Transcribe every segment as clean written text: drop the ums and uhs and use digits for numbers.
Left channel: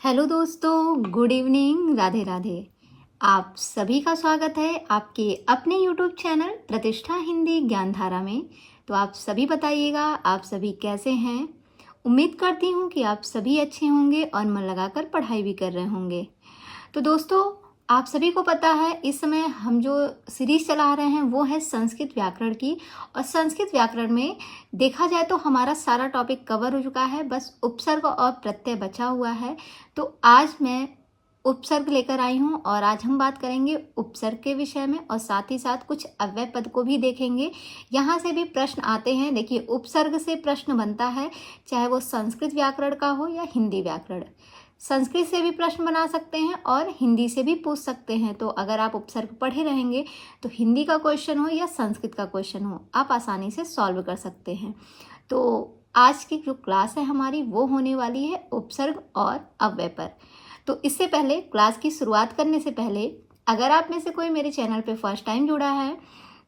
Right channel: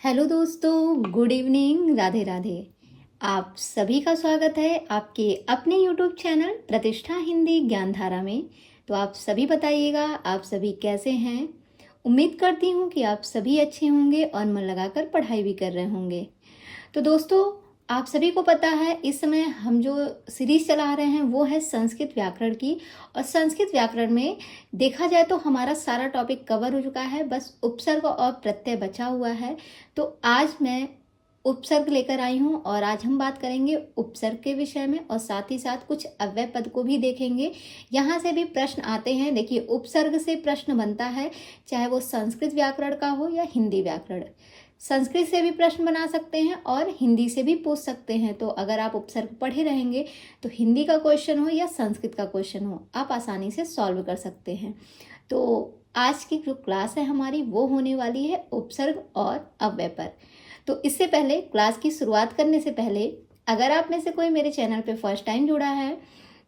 Hello दोस्तों, good evening, Radhe Radhe. आप सभी का स्वागत है आपके अपने यूट्यूब चैनल प्रतिष्ठा हिंदी ज्ञानधारा में। तो आप सभी बताइएगा, आप सभी कैसे हैं। उम्मीद करती हूँ कि आप सभी अच्छे होंगे और मन लगाकर पढ़ाई भी कर रहे होंगे। तो दोस्तों, आप सभी को पता है इस समय हम जो सीरीज चला रहे हैं वो है संस्कृत व्याकरण की। और संस्कृत व्याकरण में देखा जाए तो हमारा सारा टॉपिक कवर हो चुका है, बस उपसर्ग और प्रत्यय बचा हुआ है। तो आज मैं उपसर्ग लेकर आई हूँ और आज हम बात करेंगे उपसर्ग के विषय में और साथ ही साथ कुछ अव्यय पद को भी देखेंगे। यहाँ से भी प्रश्न आते हैं। देखिए, उपसर्ग से प्रश्न बनता है, चाहे वो संस्कृत व्याकरण का हो या हिंदी व्याकरण। संस्कृत से भी प्रश्न बना सकते हैं और हिंदी से भी पूछ सकते हैं। तो अगर आप उपसर्ग पढ़े रहेंगे तो हिंदी का क्वेश्चन हो या संस्कृत का क्वेश्चन हो, आप आसानी से सॉल्व कर सकते हैं। तो आज की जो क्लास है हमारी वो होने वाली है उपसर्ग और अव्यय पर। तो इससे पहले, क्लास की शुरुआत करने से पहले, अगर आप में से कोई मेरे चैनल पे फर्स्ट टाइम जुड़ा है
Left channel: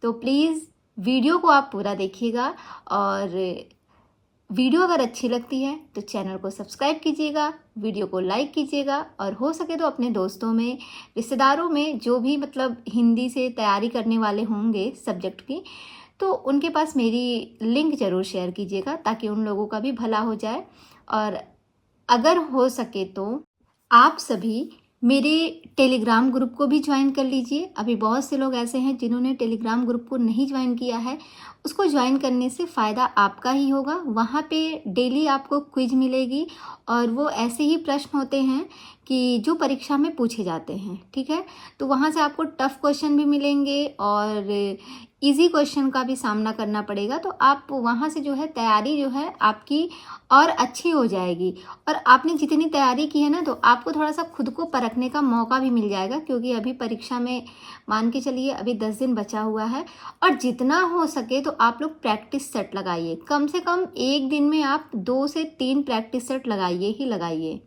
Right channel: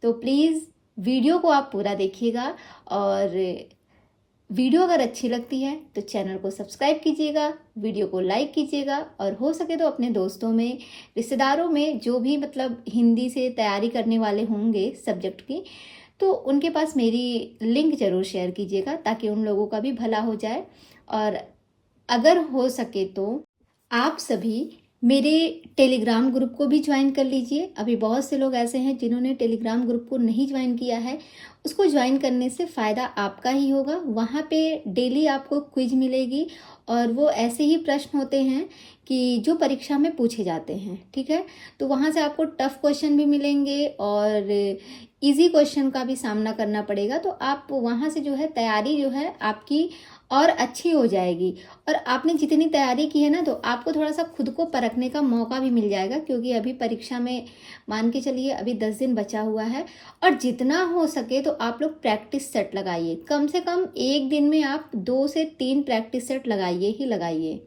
तो प्लीज़ वीडियो को आप पूरा देखिएगा। और वीडियो अगर अच्छी लगती है तो चैनल को सब्सक्राइब कीजिएगा, वीडियो को लाइक कीजिएगा और हो सके तो अपने दोस्तों में, रिश्तेदारों में जो भी मतलब हिंदी से तैयारी करने वाले होंगे सब्जेक्ट की, तो उनके पास मेरी लिंक ज़रूर शेयर कीजिएगा ताकि उन लोगों का भी भला हो जाए। और अगर हो सके तो आप सभी मेरे टेलीग्राम ग्रुप को भी ज्वाइन कर लीजिए। अभी बहुत से लोग ऐसे हैं जिन्होंने टेलीग्राम ग्रुप को नहीं ज्वाइन किया है। उसको ज्वाइन करने से फ़ायदा आपका ही होगा। वहाँ पे डेली आपको क्विज मिलेगी और वो ऐसे ही प्रश्न होते हैं कि जो परीक्षा में पूछे जाते हैं, ठीक है। तो वहाँ से आपको टफ क्वेश्चन भी मिलेंगे और इजी क्वेश्चन का भी सामना करना पड़ेगा। तो आप वहाँ से जो है तैयारी जो है आपकी और अच्छी हो जाएगी। और आपने जितनी तैयारी की है ना, तो आपको थोड़ा सा खुद को परखने का मौका भी मिल जाएगा, क्योंकि अभी परीक्षा में मान के चलिए अभी 10 दिन बचा हुआ है। और जितना हो सके तो आप लोग प्रैक्टिस सेट लगाइए। कम से कम एक दिन में आप 2 से 3 प्रैक्टिस सेट लगाइए ही लगाइए।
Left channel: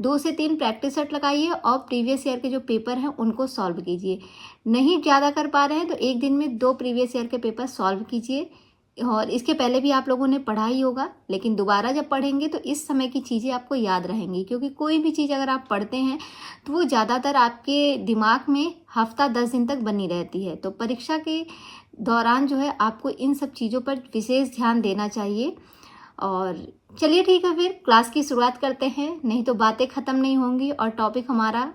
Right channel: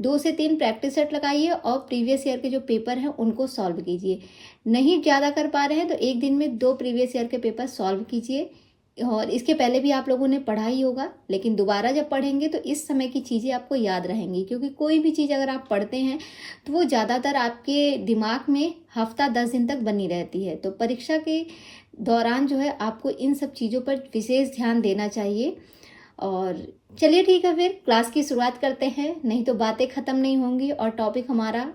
2 से 3 प्रैक्टिस सेट लगाइए और प्रीवियस ईयर के जो पेपर हैं उनको सॉल्व कीजिए। नहीं ज़्यादा कर पा रहे हैं तो एक दिन में 2 प्रीवियस ईयर के पेपर सॉल्व कीजिए। और इसके पहले भी आप लोगों ने पढ़ा ही होगा, लेकिन दोबारा जब पढ़ेंगे तो इस समय की चीज़ें आपको याद रहेंगी, क्योंकि कोई भी चीज़ अगर आप पढ़ते हैं तो वो ज़्यादातर आपके दिमाग में हफ्ता 10 दिन तक बनी रहती है। तो परीक्षा के दौरान जो है आपको इन सब चीज़ों पर विशेष ध्यान देना चाहिए। और चलिए ठीक है, फिर क्लास की शुरुआत करते हैं, नहीं तो बातें ख़त्म नहीं होंगी और टॉपिक हमारा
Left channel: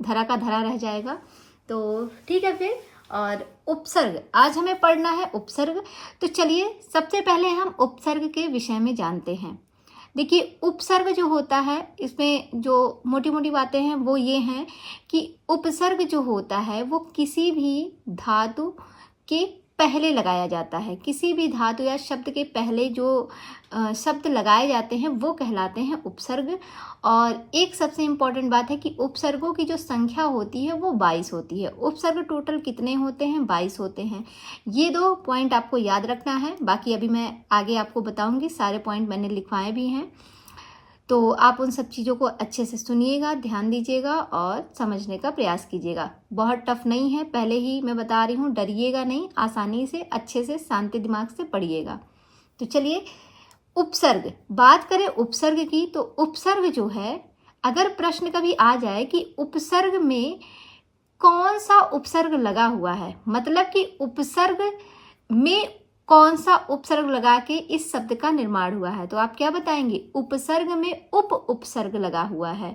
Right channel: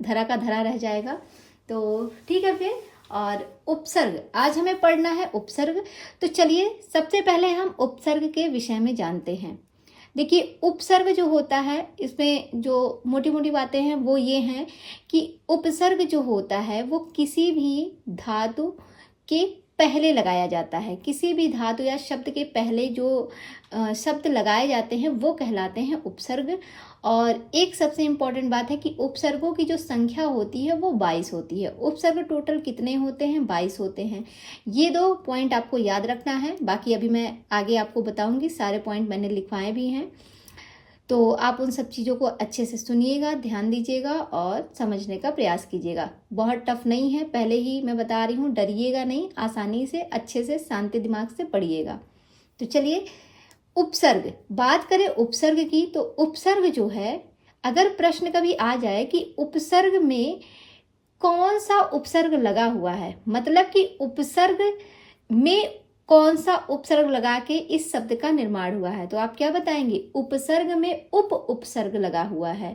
धरा का धरा रह जाएगा। तो ठीक है फिर। और उपसर्ग आज हमें पढ़ना है, उपसर्ग। तो चलिए सबसे पहले हम उपसर्ग के विषय में जानते हैं। देखिए, उपसर्ग जो होता है इसमें जो मोटी मोटी बातें हैं वो ये हैं कि उपसर्ग जो होता है वो किसी भी धातु के पहले लगाया जाता है। किसी भी धातु या शब्द के पहले जो शब्द लगाए जाते हैं वो कहलाते हैं उपसर्ग। और एक सबसे इम्पॉर्टेंट बात है कि उपसर्गों की जो संख्या होती है वो 22 होती है। उपसर्ग टोटल कितने होते हैं? 22 होते हैं। ये 2 पॉइंट आपको याद रखना है, बाकी अभी मैं आगे आपको बताऊंगी। सारे पॉइंट मैंने लिखवाए भी हैं, तो आप उन सब चीज़ों को अच्छे से सुनिएगा, ध्यान दीजिएगा और समझने का प्रयास कीजिएगा। बहुत टफ नहीं है, पहले ही मैं बता रही हूँ, डरिएगा नहीं, आसानी से अच्छे से शांति दिमाग से पढ़िएगा। तो चलिए, उपसर्ग बात करें उपसर्ग की। तो उपसर्ग जो है, अगर प्रश्न कभी आ जाए कि उपसर्ग में कौन सा उपसर्ग लगा हुआ है, मतलब कि उपसर्ग में कौन सा उपसर्ग लगा के इस शब्द का निर्माण हुआ है, तो आप क्या बताएंगे? उपसर्ग में उप उपसर्ग लगा हुआ है।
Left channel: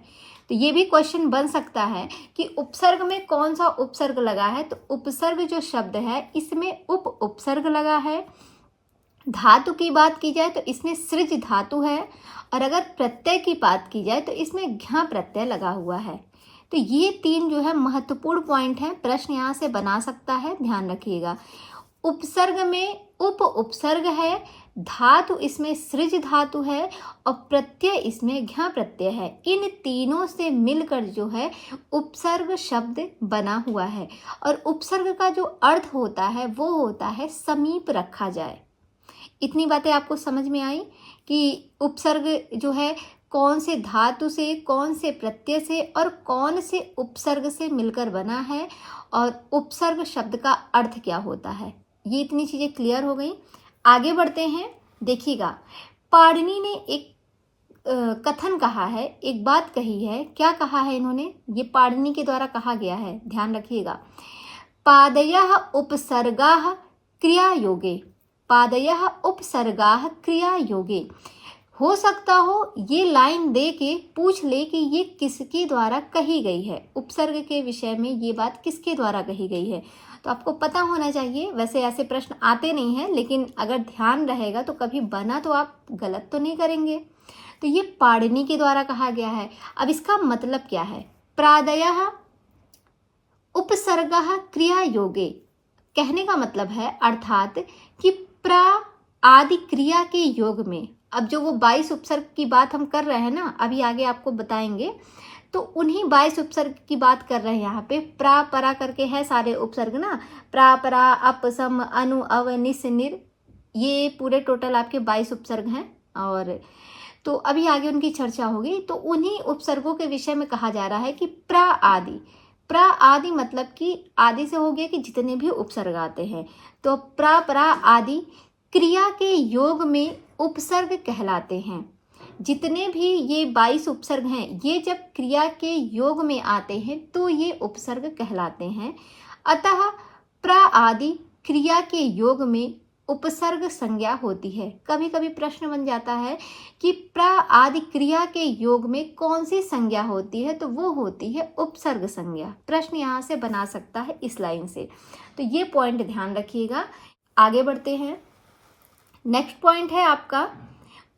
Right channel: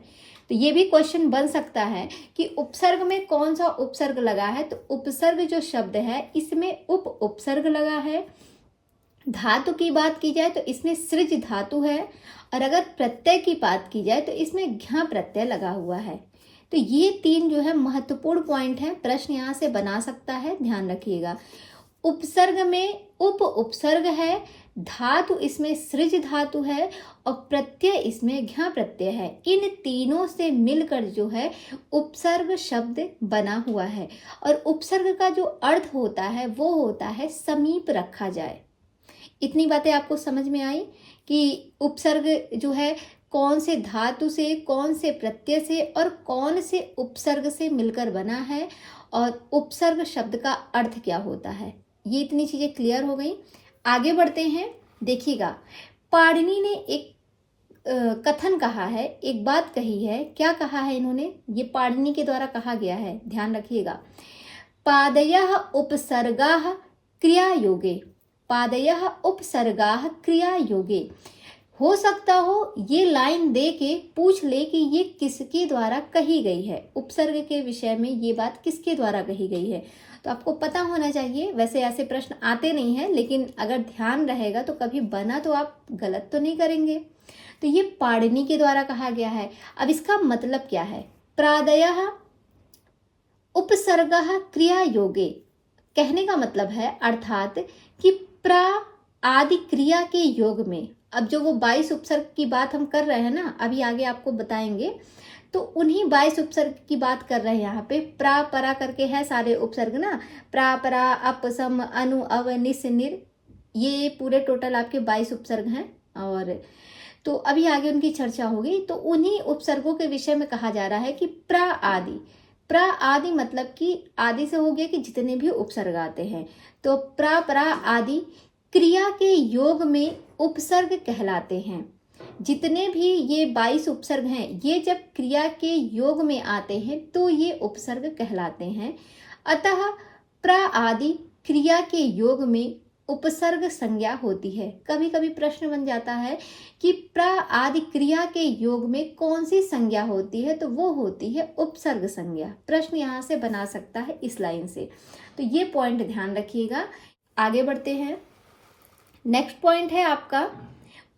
तो ये भी क्वेश्चन बन सकता है कि उपसर्ग में कौन सा उपसर्ग लगा है। तो उपसर्ग जो शब्द है इसमें उप उपसर्ग लगा है। धातु की बात की जाए तो इसमें सृज धातु है। और अगर प्रत्यय की बात की जाए तो इसमें घ्या प्रत्यय लगा हुआ है। तो ये 3 जो है महत्वपूर्ण पॉइंट हैं, प्रश्न यहाँ से बना सकता है, ध्यान रखिएगा। उपसर्ग में उप उपसर्ग है, धातु इसमें सृज धातु है और प्रत्यय इसमें घ्या प्रत्यय है। इन तीनों से मिलकर जो है उपसर्ग शब्द बना हुआ है। और उपसर्ग का जो अर्थ होता है वो होता है समीप रखा जाए। इतनी बातें आपको समझ में आई कि उपसर्ग जो है कौन से धातु से, कौन से प्रत्यय से और कौन से उपसर्ग से मिलकर बना है और उपसर्ग शब्द का अर्थ क्या होता है। ये इतनी चीजें क्लियर हो गई। आगे बढ़ते हैं। देखिएगा, पाणिनि ने एक कथन कहा है, एक बात कही है। क्या कहा है इन्होंने? ये पाणिनि के द्वारा कहा गया है, ध्यान रखिएगा। पादयः उपसर्गाः क्रिया योगे, पादयः उपसर्गाः क्रिया योगे। हो सकता हो ये लाइन दे के पूछ ले कि ये किसके द्वारा कही गई है, उपसर्ग के विषय में ये बात किसके द्वारा कही गई है। तो आपको पता होना चाहिए। वैसे ऐसे प्रश्न आते नहीं हैं, लेकिन अगर ध्यान रहेगा तो कभी बना तो आप गलत तो नहीं करेंगे। तो ये पाणिनि के द्वारा कहा गया है। अब इसका मतलब क्या है? प्रादयः उपसर्गः क्रिया योगे, कहने का मतलब है अर्थात कि प्रा आदि क्रिया के योग में, अब जो वो 22 उपसर्ग की बात हम कर रहे हैं ना, अभी आगे आपको बताएंगे, तो उन्हीं 22 उपसर्ग की बात कर रहे हैं। यहाँ पे प्रा परा करके है सारे उपसर्ग ना, प्रा परा अप सम अनु अव निस निर, ये पूरे टोटल आपके 22 उपसर्ग हैं। और तो अभी आगे उनकी चर्चा होगी। तो उन्हीं उपसर्गों के विषय में कहा जा रहा है कि प्रा आदि, प्रा आदि मतलब कि आदि से हो गया कि जितने भी उपसर्ग आते हैं, तो प्रा परा आदि क्रिया के योग में उपसर्ग कहलाते हैं। जितने भी ये 22 उपसर्ग हैं, ये जब क्रिया के योग में आते हैं तो ये उपसर्ग कहलाते हैं। अतः प्रा आदि क्रिया के योग में उपसर्ग संज्ञा होती है। कभी कभी प्रश्न बन जाता है कि प्रा आदि क्रिया के योग में कौन सी संज्ञा होती है, तो वो होती है उपसर्ग संज्ञा। प्रश्न यहाँ से बना सकता है इस लाइन से, तो ये पॉइंट ध्यान रखिएगा। आगे बढ़ते हैं। नेक्स्ट पॉइंट है आपका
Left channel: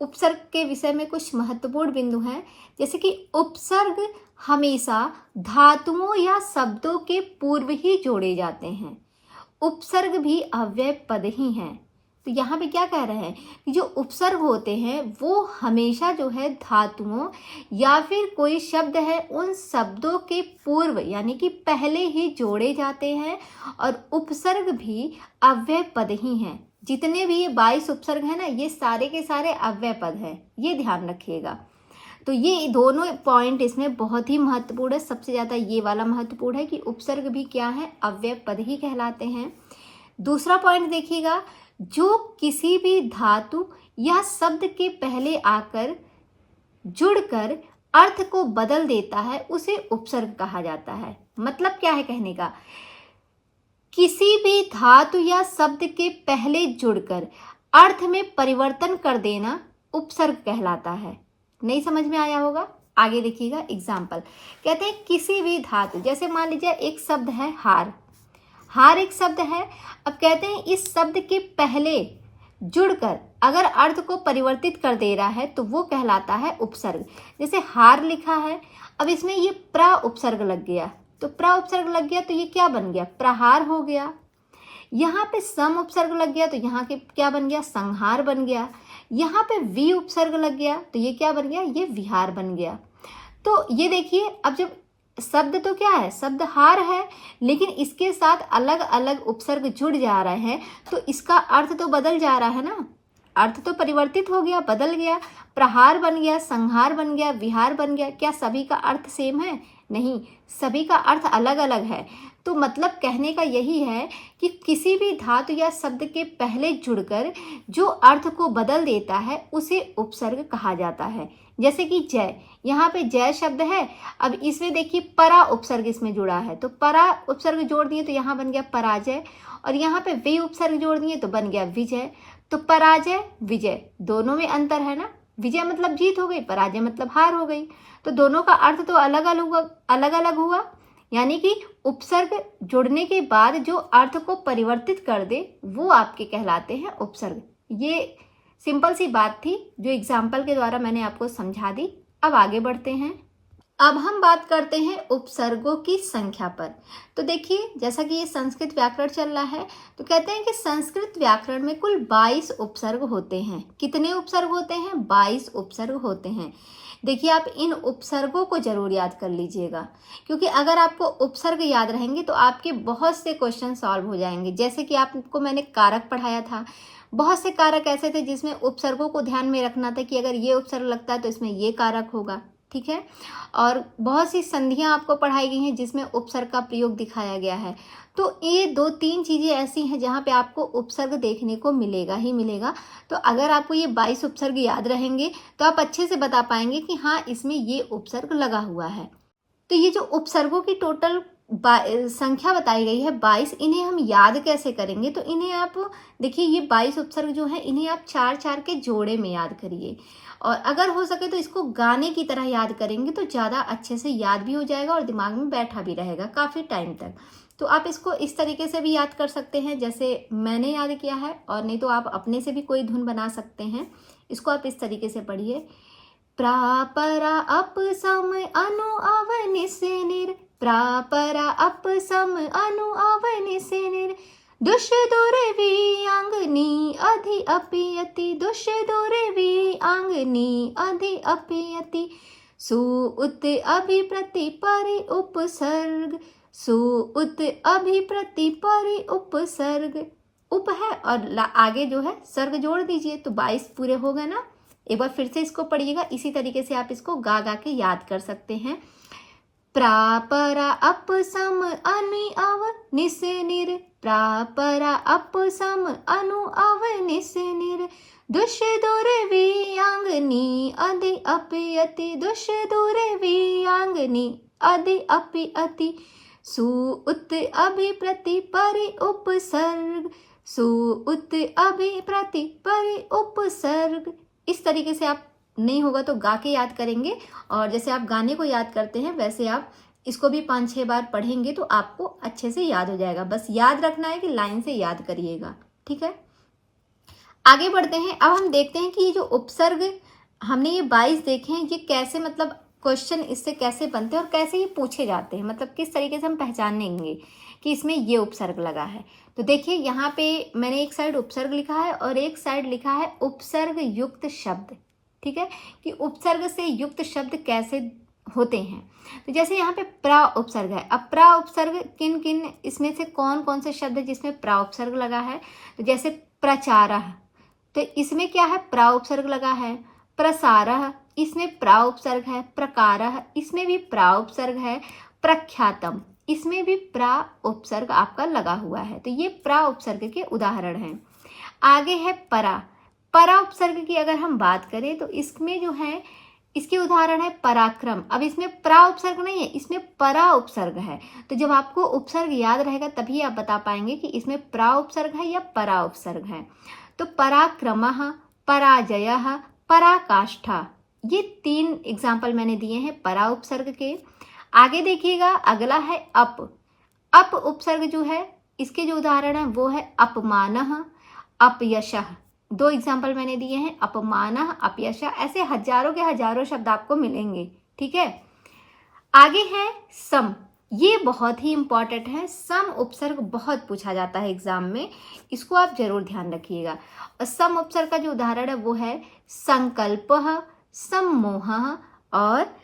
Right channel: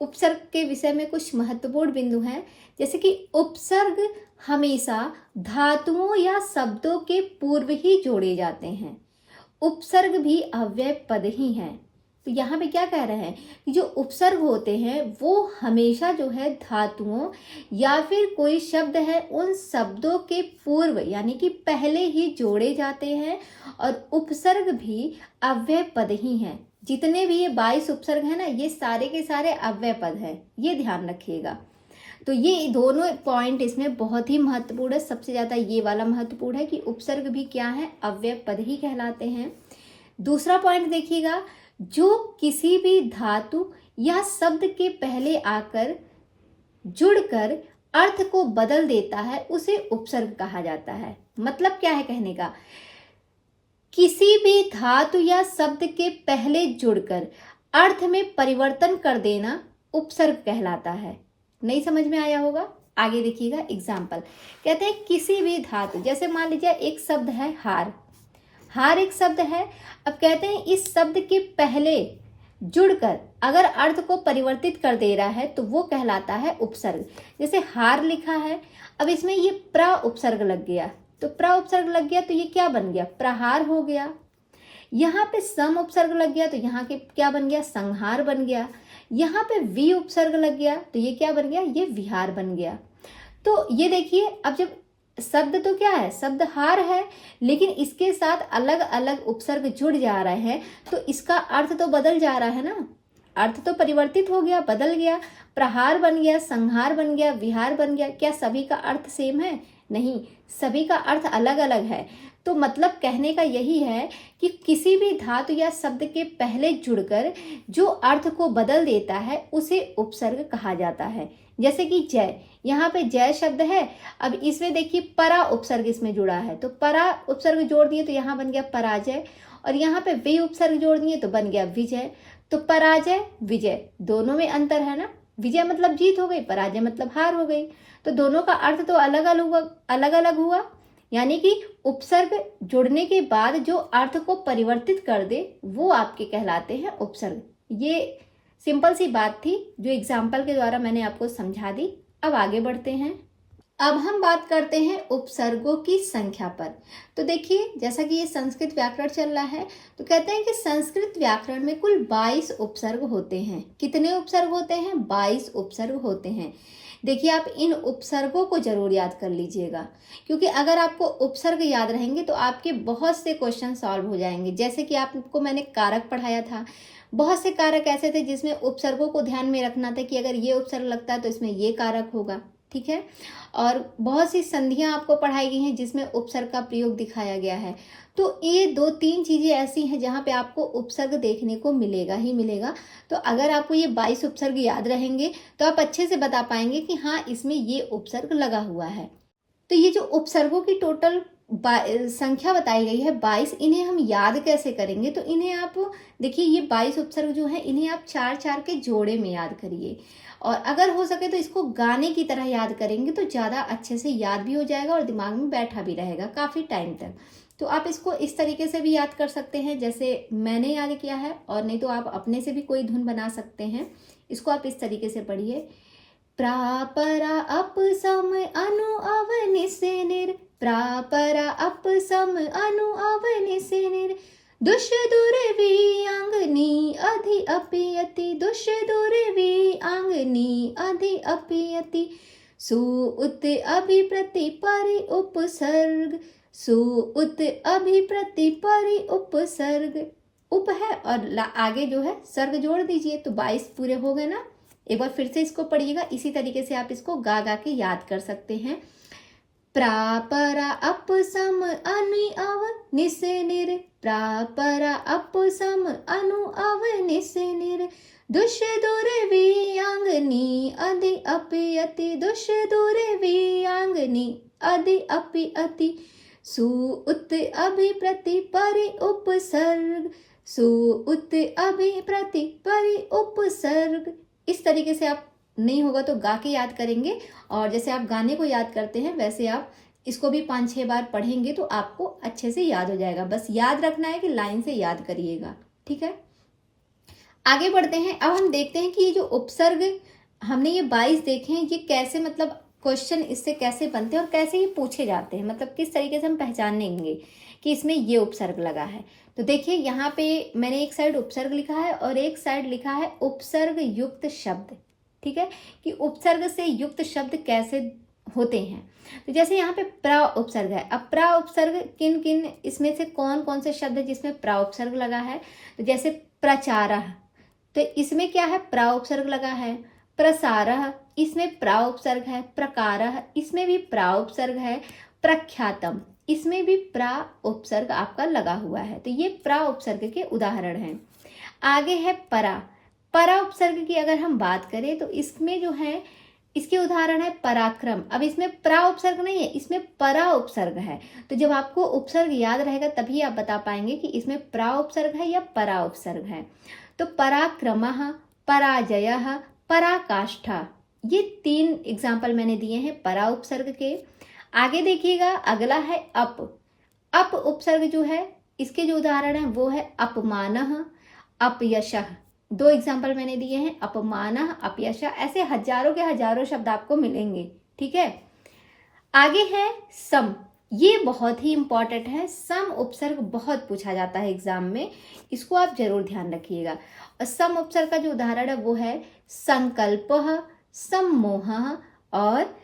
उपसर्ग के विषय में कुछ महत्वपूर्ण बिंदु हैं, जैसे कि उपसर्ग हमेशा धातुओं या शब्दों के पूर्व ही जोड़े जाते हैं। उपसर्ग भी अव्यय पद ही हैं। तो यहाँ पे क्या कह रहे हैं कि जो उपसर्ग होते हैं वो हमेशा जो है धातुओं या फिर कोई शब्द है उन शब्दों के पूर्व यानी कि पहले ही जोड़े जाते हैं, और उपसर्ग भी अव्यय पद ही हैं। जितने भी ये 22 उपसर्ग हैं ना, ये सारे के सारे अव्यय पद हैं, ये ध्यान रखिएगा। तो ये दोनों पॉइंट इसमें बहुत ही महत्वपूर्ण है। सबसे ज़्यादा ये वाला महत्वपूर्ण है कि उपसर्ग भी क्या है, अव्यय पद ही कहलाते हैं। दूसरा पॉइंट देखिएगा, जो किसी भी धातु या शब्द के पहले आकर जुड़कर अर्थ को बदल देता है उसे उपसर्ग कहा जाता है। मतलब क्या है कहने का, किसी भी धातु या शब्द के पहले जुड़कर अर्थ में परिवर्तन कर देना उपसर्ग कहलाता है। नहीं समझ में आया होगा? आगे देखिएगा एग्जाम्पल। कहते हैं किसी भी धातु, जैसे मान लीजिए एक शब्द है हार, हार एक शब्द है। अब कहते हैं इस शब्द के पहले जुड़कर अगर अर्थ को परिवर्तित कर दे रहा है तो वो कहलाता है उपसर्ग। जैसे हार लिखा है, अब इसमें ये प्रा उपसर्ग लग गया, तो प्रा उपसर्ग लग गया तो ये क्या बन गया, प्रहार हो गया। यहाँ पे सम उपसर्ग लग गया तो यहाँ के क्या बन गया, संहार बन गया। यहाँ पे वी उपसर्ग लग गया तो ये क्या बन गया, ये विहार बन गया। तो ये देखिए, अब जब शब्द तो क्या है, शब्द हार है, लेकिन इसके साथ अलग अलग उपसर्ग जुड़ जा रहे हैं तो इसका अर्थ तो बदल जा रहा है ना, अर्थ तो परिवर्तित हो गया, बदल गया। प्रहार बन गया, संहार बन गया, विहार बन गया। क्या सभी का अर्थ सेम है? नहीं, सभी का अर्थ अलग अलग है। तो मतलब कहने का यही है कि किसी भी धातु या शब्द के पहले जुड़कर जो अर्थ को बदल देता है उसे उपसर्ग कहा जाता है। जैसे कि जय, यहाँ पे जय शब्द है, अब इसमें देखिए परा उपसर्ग इसमें जुड़ा है, तो परा उपसर्ग जोड़ दिए तो यहाँ बन गया पराजय, और यहाँ पे वे उपसर्ग जोड़ दिए तो बन गया विजय। तो पराजय विजय दोनों में अंतर है ना, विजय मतलब जीत हो गई, पराजय मतलब हार हो गई। तो दोनों का अर्थ तो अलग अलग हुआ, यानी कि उपसर्ग जुड़ने के बाद जो अर्थ को परिवर्तित कर दे वो आपके कहलाते हैं उपसर्ग। ये सिंपल सी बात थी जो एग्जाम्पल के द्वारा मैंने आपको समझा दी। अब आगे बढ़ते हैं। अब हम बात करते हैं उपसर्गों की संख्या पर। तो देखिए, जैसा कि ये संस्कृत व्याकरण चल रहा है तो कहते हैं कि संस्कृत व्याकरण में कुल 22 उपसर्ग होते हैं। कितने उपसर्ग होते हैं? 22 उपसर्ग होते हैं। देखिए, आप इन उपसर्गों को जरूर याद कर लीजिएगा, क्योंकि अगर आपको उपसर्ग याद रहेंगे तो आपके बहुत से क्वेश्चन सॉल्व हो जाएंगे। जैसे कि आपको मैंने कारक पढ़ाया था, बहुत से कारक ऐसे थे जिसमें उपसर्गों को ध्यान में रखना था कि अगर ये उपसर्ग लगता है तो इसमें ये कारक होगा। ठीक है। और बहुत सी संधियां आपको पढ़ाई गई हैं जिसमें उपसर्ग का प्रयोग दिखाया गया है। तो ये 2-3 चीज़ें ऐसी हैं जहाँ पे आपको उपसर्ग देखने को मिलेगा ही मिलेगा। तो अगर आपको ये 22 उपसर्ग याद रहेंगे तो आप अच्छे से बता पाएंगे कि हाँ, इसमें ये उपसर्ग लगा हुआ है। तो ये जो उपसर्गों की टोटल संख्या बताई गई है 22, इन्हें हम याद कैसे करेंगे? तो इन्हें आप देखिए, ये 22 उपसर्ग जो है इन्हें आप 4-4 के जोड़े में याद करिए, और अगर हो सके तो इसको गाने की तरह याद करेंगे तो ज़्यादा अच्छे से याद भी हो जाएगा और दिमाग में बैठा भी रहेगा काफ़ी टाइम तक। तो आप इसको इस तरीके से भी याद कर सकते हैं जैसे मैंने याद किया है, और नहीं तो आप अपने से भी कोई धुन बना सकते हैं। इसको आप इस तरीके से पढ़िए, प्रापरा अप सम अनु अव निस निर, प्रापरा अप सम अनु अव निस निर, दुष दुर्वी आंगनी अधि अपियति, दुष दुर्वी आंगनी अधि अपियति, सुउत अभिप्रति परि उपसर्ग, सुउत अभिप्रति परि उपसर्ग। उप है और आगे जो है सर्ग जोड़ दीजिए तो 22 पूरे हो गए ना। एक बार फिर से इसको पढ़िएगा, इसी तरीके से आप इसको गा गा के याद कर सकते हैं। प्रापरा अप सम अनि अव निस निर, प्रापरा अप सम अनु अव निस निर, दुष दुर्वी आंगनी अधि अपियति, दुष दुर्वी आंगनी अधि अपियति, सुउत अभिप्रति परि उपसर्ग, सुउत अभिप्रति परि उपसर्ग। इस तरीके से आप नहीं होगा तो गा के याद करेंगे, और जैसे आप गाने को याद करते हैं वैसे आप इसको भी 5-6 बार पढ़ेंगे तो आपको अच्छे से याद हो जाएगा। बस याद रखना है कि लाइन से याद करिएगा, ठीक है। आगे बढ़ते हैं। अब हम देखते हैं कि ये जो उपसर्ग हमने ये 22 देखे हैं, ये कैसे मतलब क्वेश्चन इससे कैसे बनते हैं और कैसे ये पूछे जाते हैं, मतलब किस तरीके से हम पहचानेंगे कि इसमें ये उपसर्ग लगा है। तो देखिए, यहाँ पे मैंने एक साइड उपसर्ग लिखा है और एक साइड लिखा है उपसर्ग युक्त शब्द, ठीक है, कि उपसर्ग से युक्त शब्द कैसे होते हैं। तो जैसे यहाँ पे प्रा उपसर्ग है, अब प्रा उपसर्ग किन किन, इसमें से कौन कौन से शब्द है जिसमें प्रा उपसर्ग लगा है? तो जैसे प्रचारः, तो इसमें क्या है? प्रा उपसर्ग लगा है। प्रसारः, इसमें प्रा उपसर्ग है। प्रकारः, इसमें भी प्रा उपसर्ग है। प्रख्यातम, इसमें भी प्रा उपसर्ग आपका लगा हुआ है। तो ये प्रा उपसर्ग के उदाहरण हैं। आगे है परा। परा उपसर्ग की अगर हम बात करें तो इसमें जो है, इसके उदाहरण है पराक्रम। अब इसमें प्रा उपसर्ग नहीं है, इसमें परा उपसर्ग है। तो जब आपको उपसर्ग याद रहेगा तभी आप बता पाएंगे कि इसमें प्रा उपसर्ग है या परा उपसर्ग है। तो पराक्रमः, पराजयः, पराकाष्ठा, ये 3 एग्जाम्पल मैंने दिए हैं परा उपसर्ग के। आगे देखिएगा, अगला है अप। अप उपसर्ग जो है इसके जो उदाहरण है वो है अपमानः, अपयशः। 2 एग्जाम्पल मैंने दिए हैं, अपमानः, अपयशः। ऐसे हजारों के हजारों शब्द आपको मिलेंगे, ठीक है। आगे है सम। ये बहुत ही इंपॉर्टेंट है। सम उपसर्ग बहुत पूछा जाता है एग्जाम में, इसको आप जरूर ध्यान रखिएगा। और सम उपसर्ग का जो उदाहरण है वो है संकल्पः, सम्मोहः और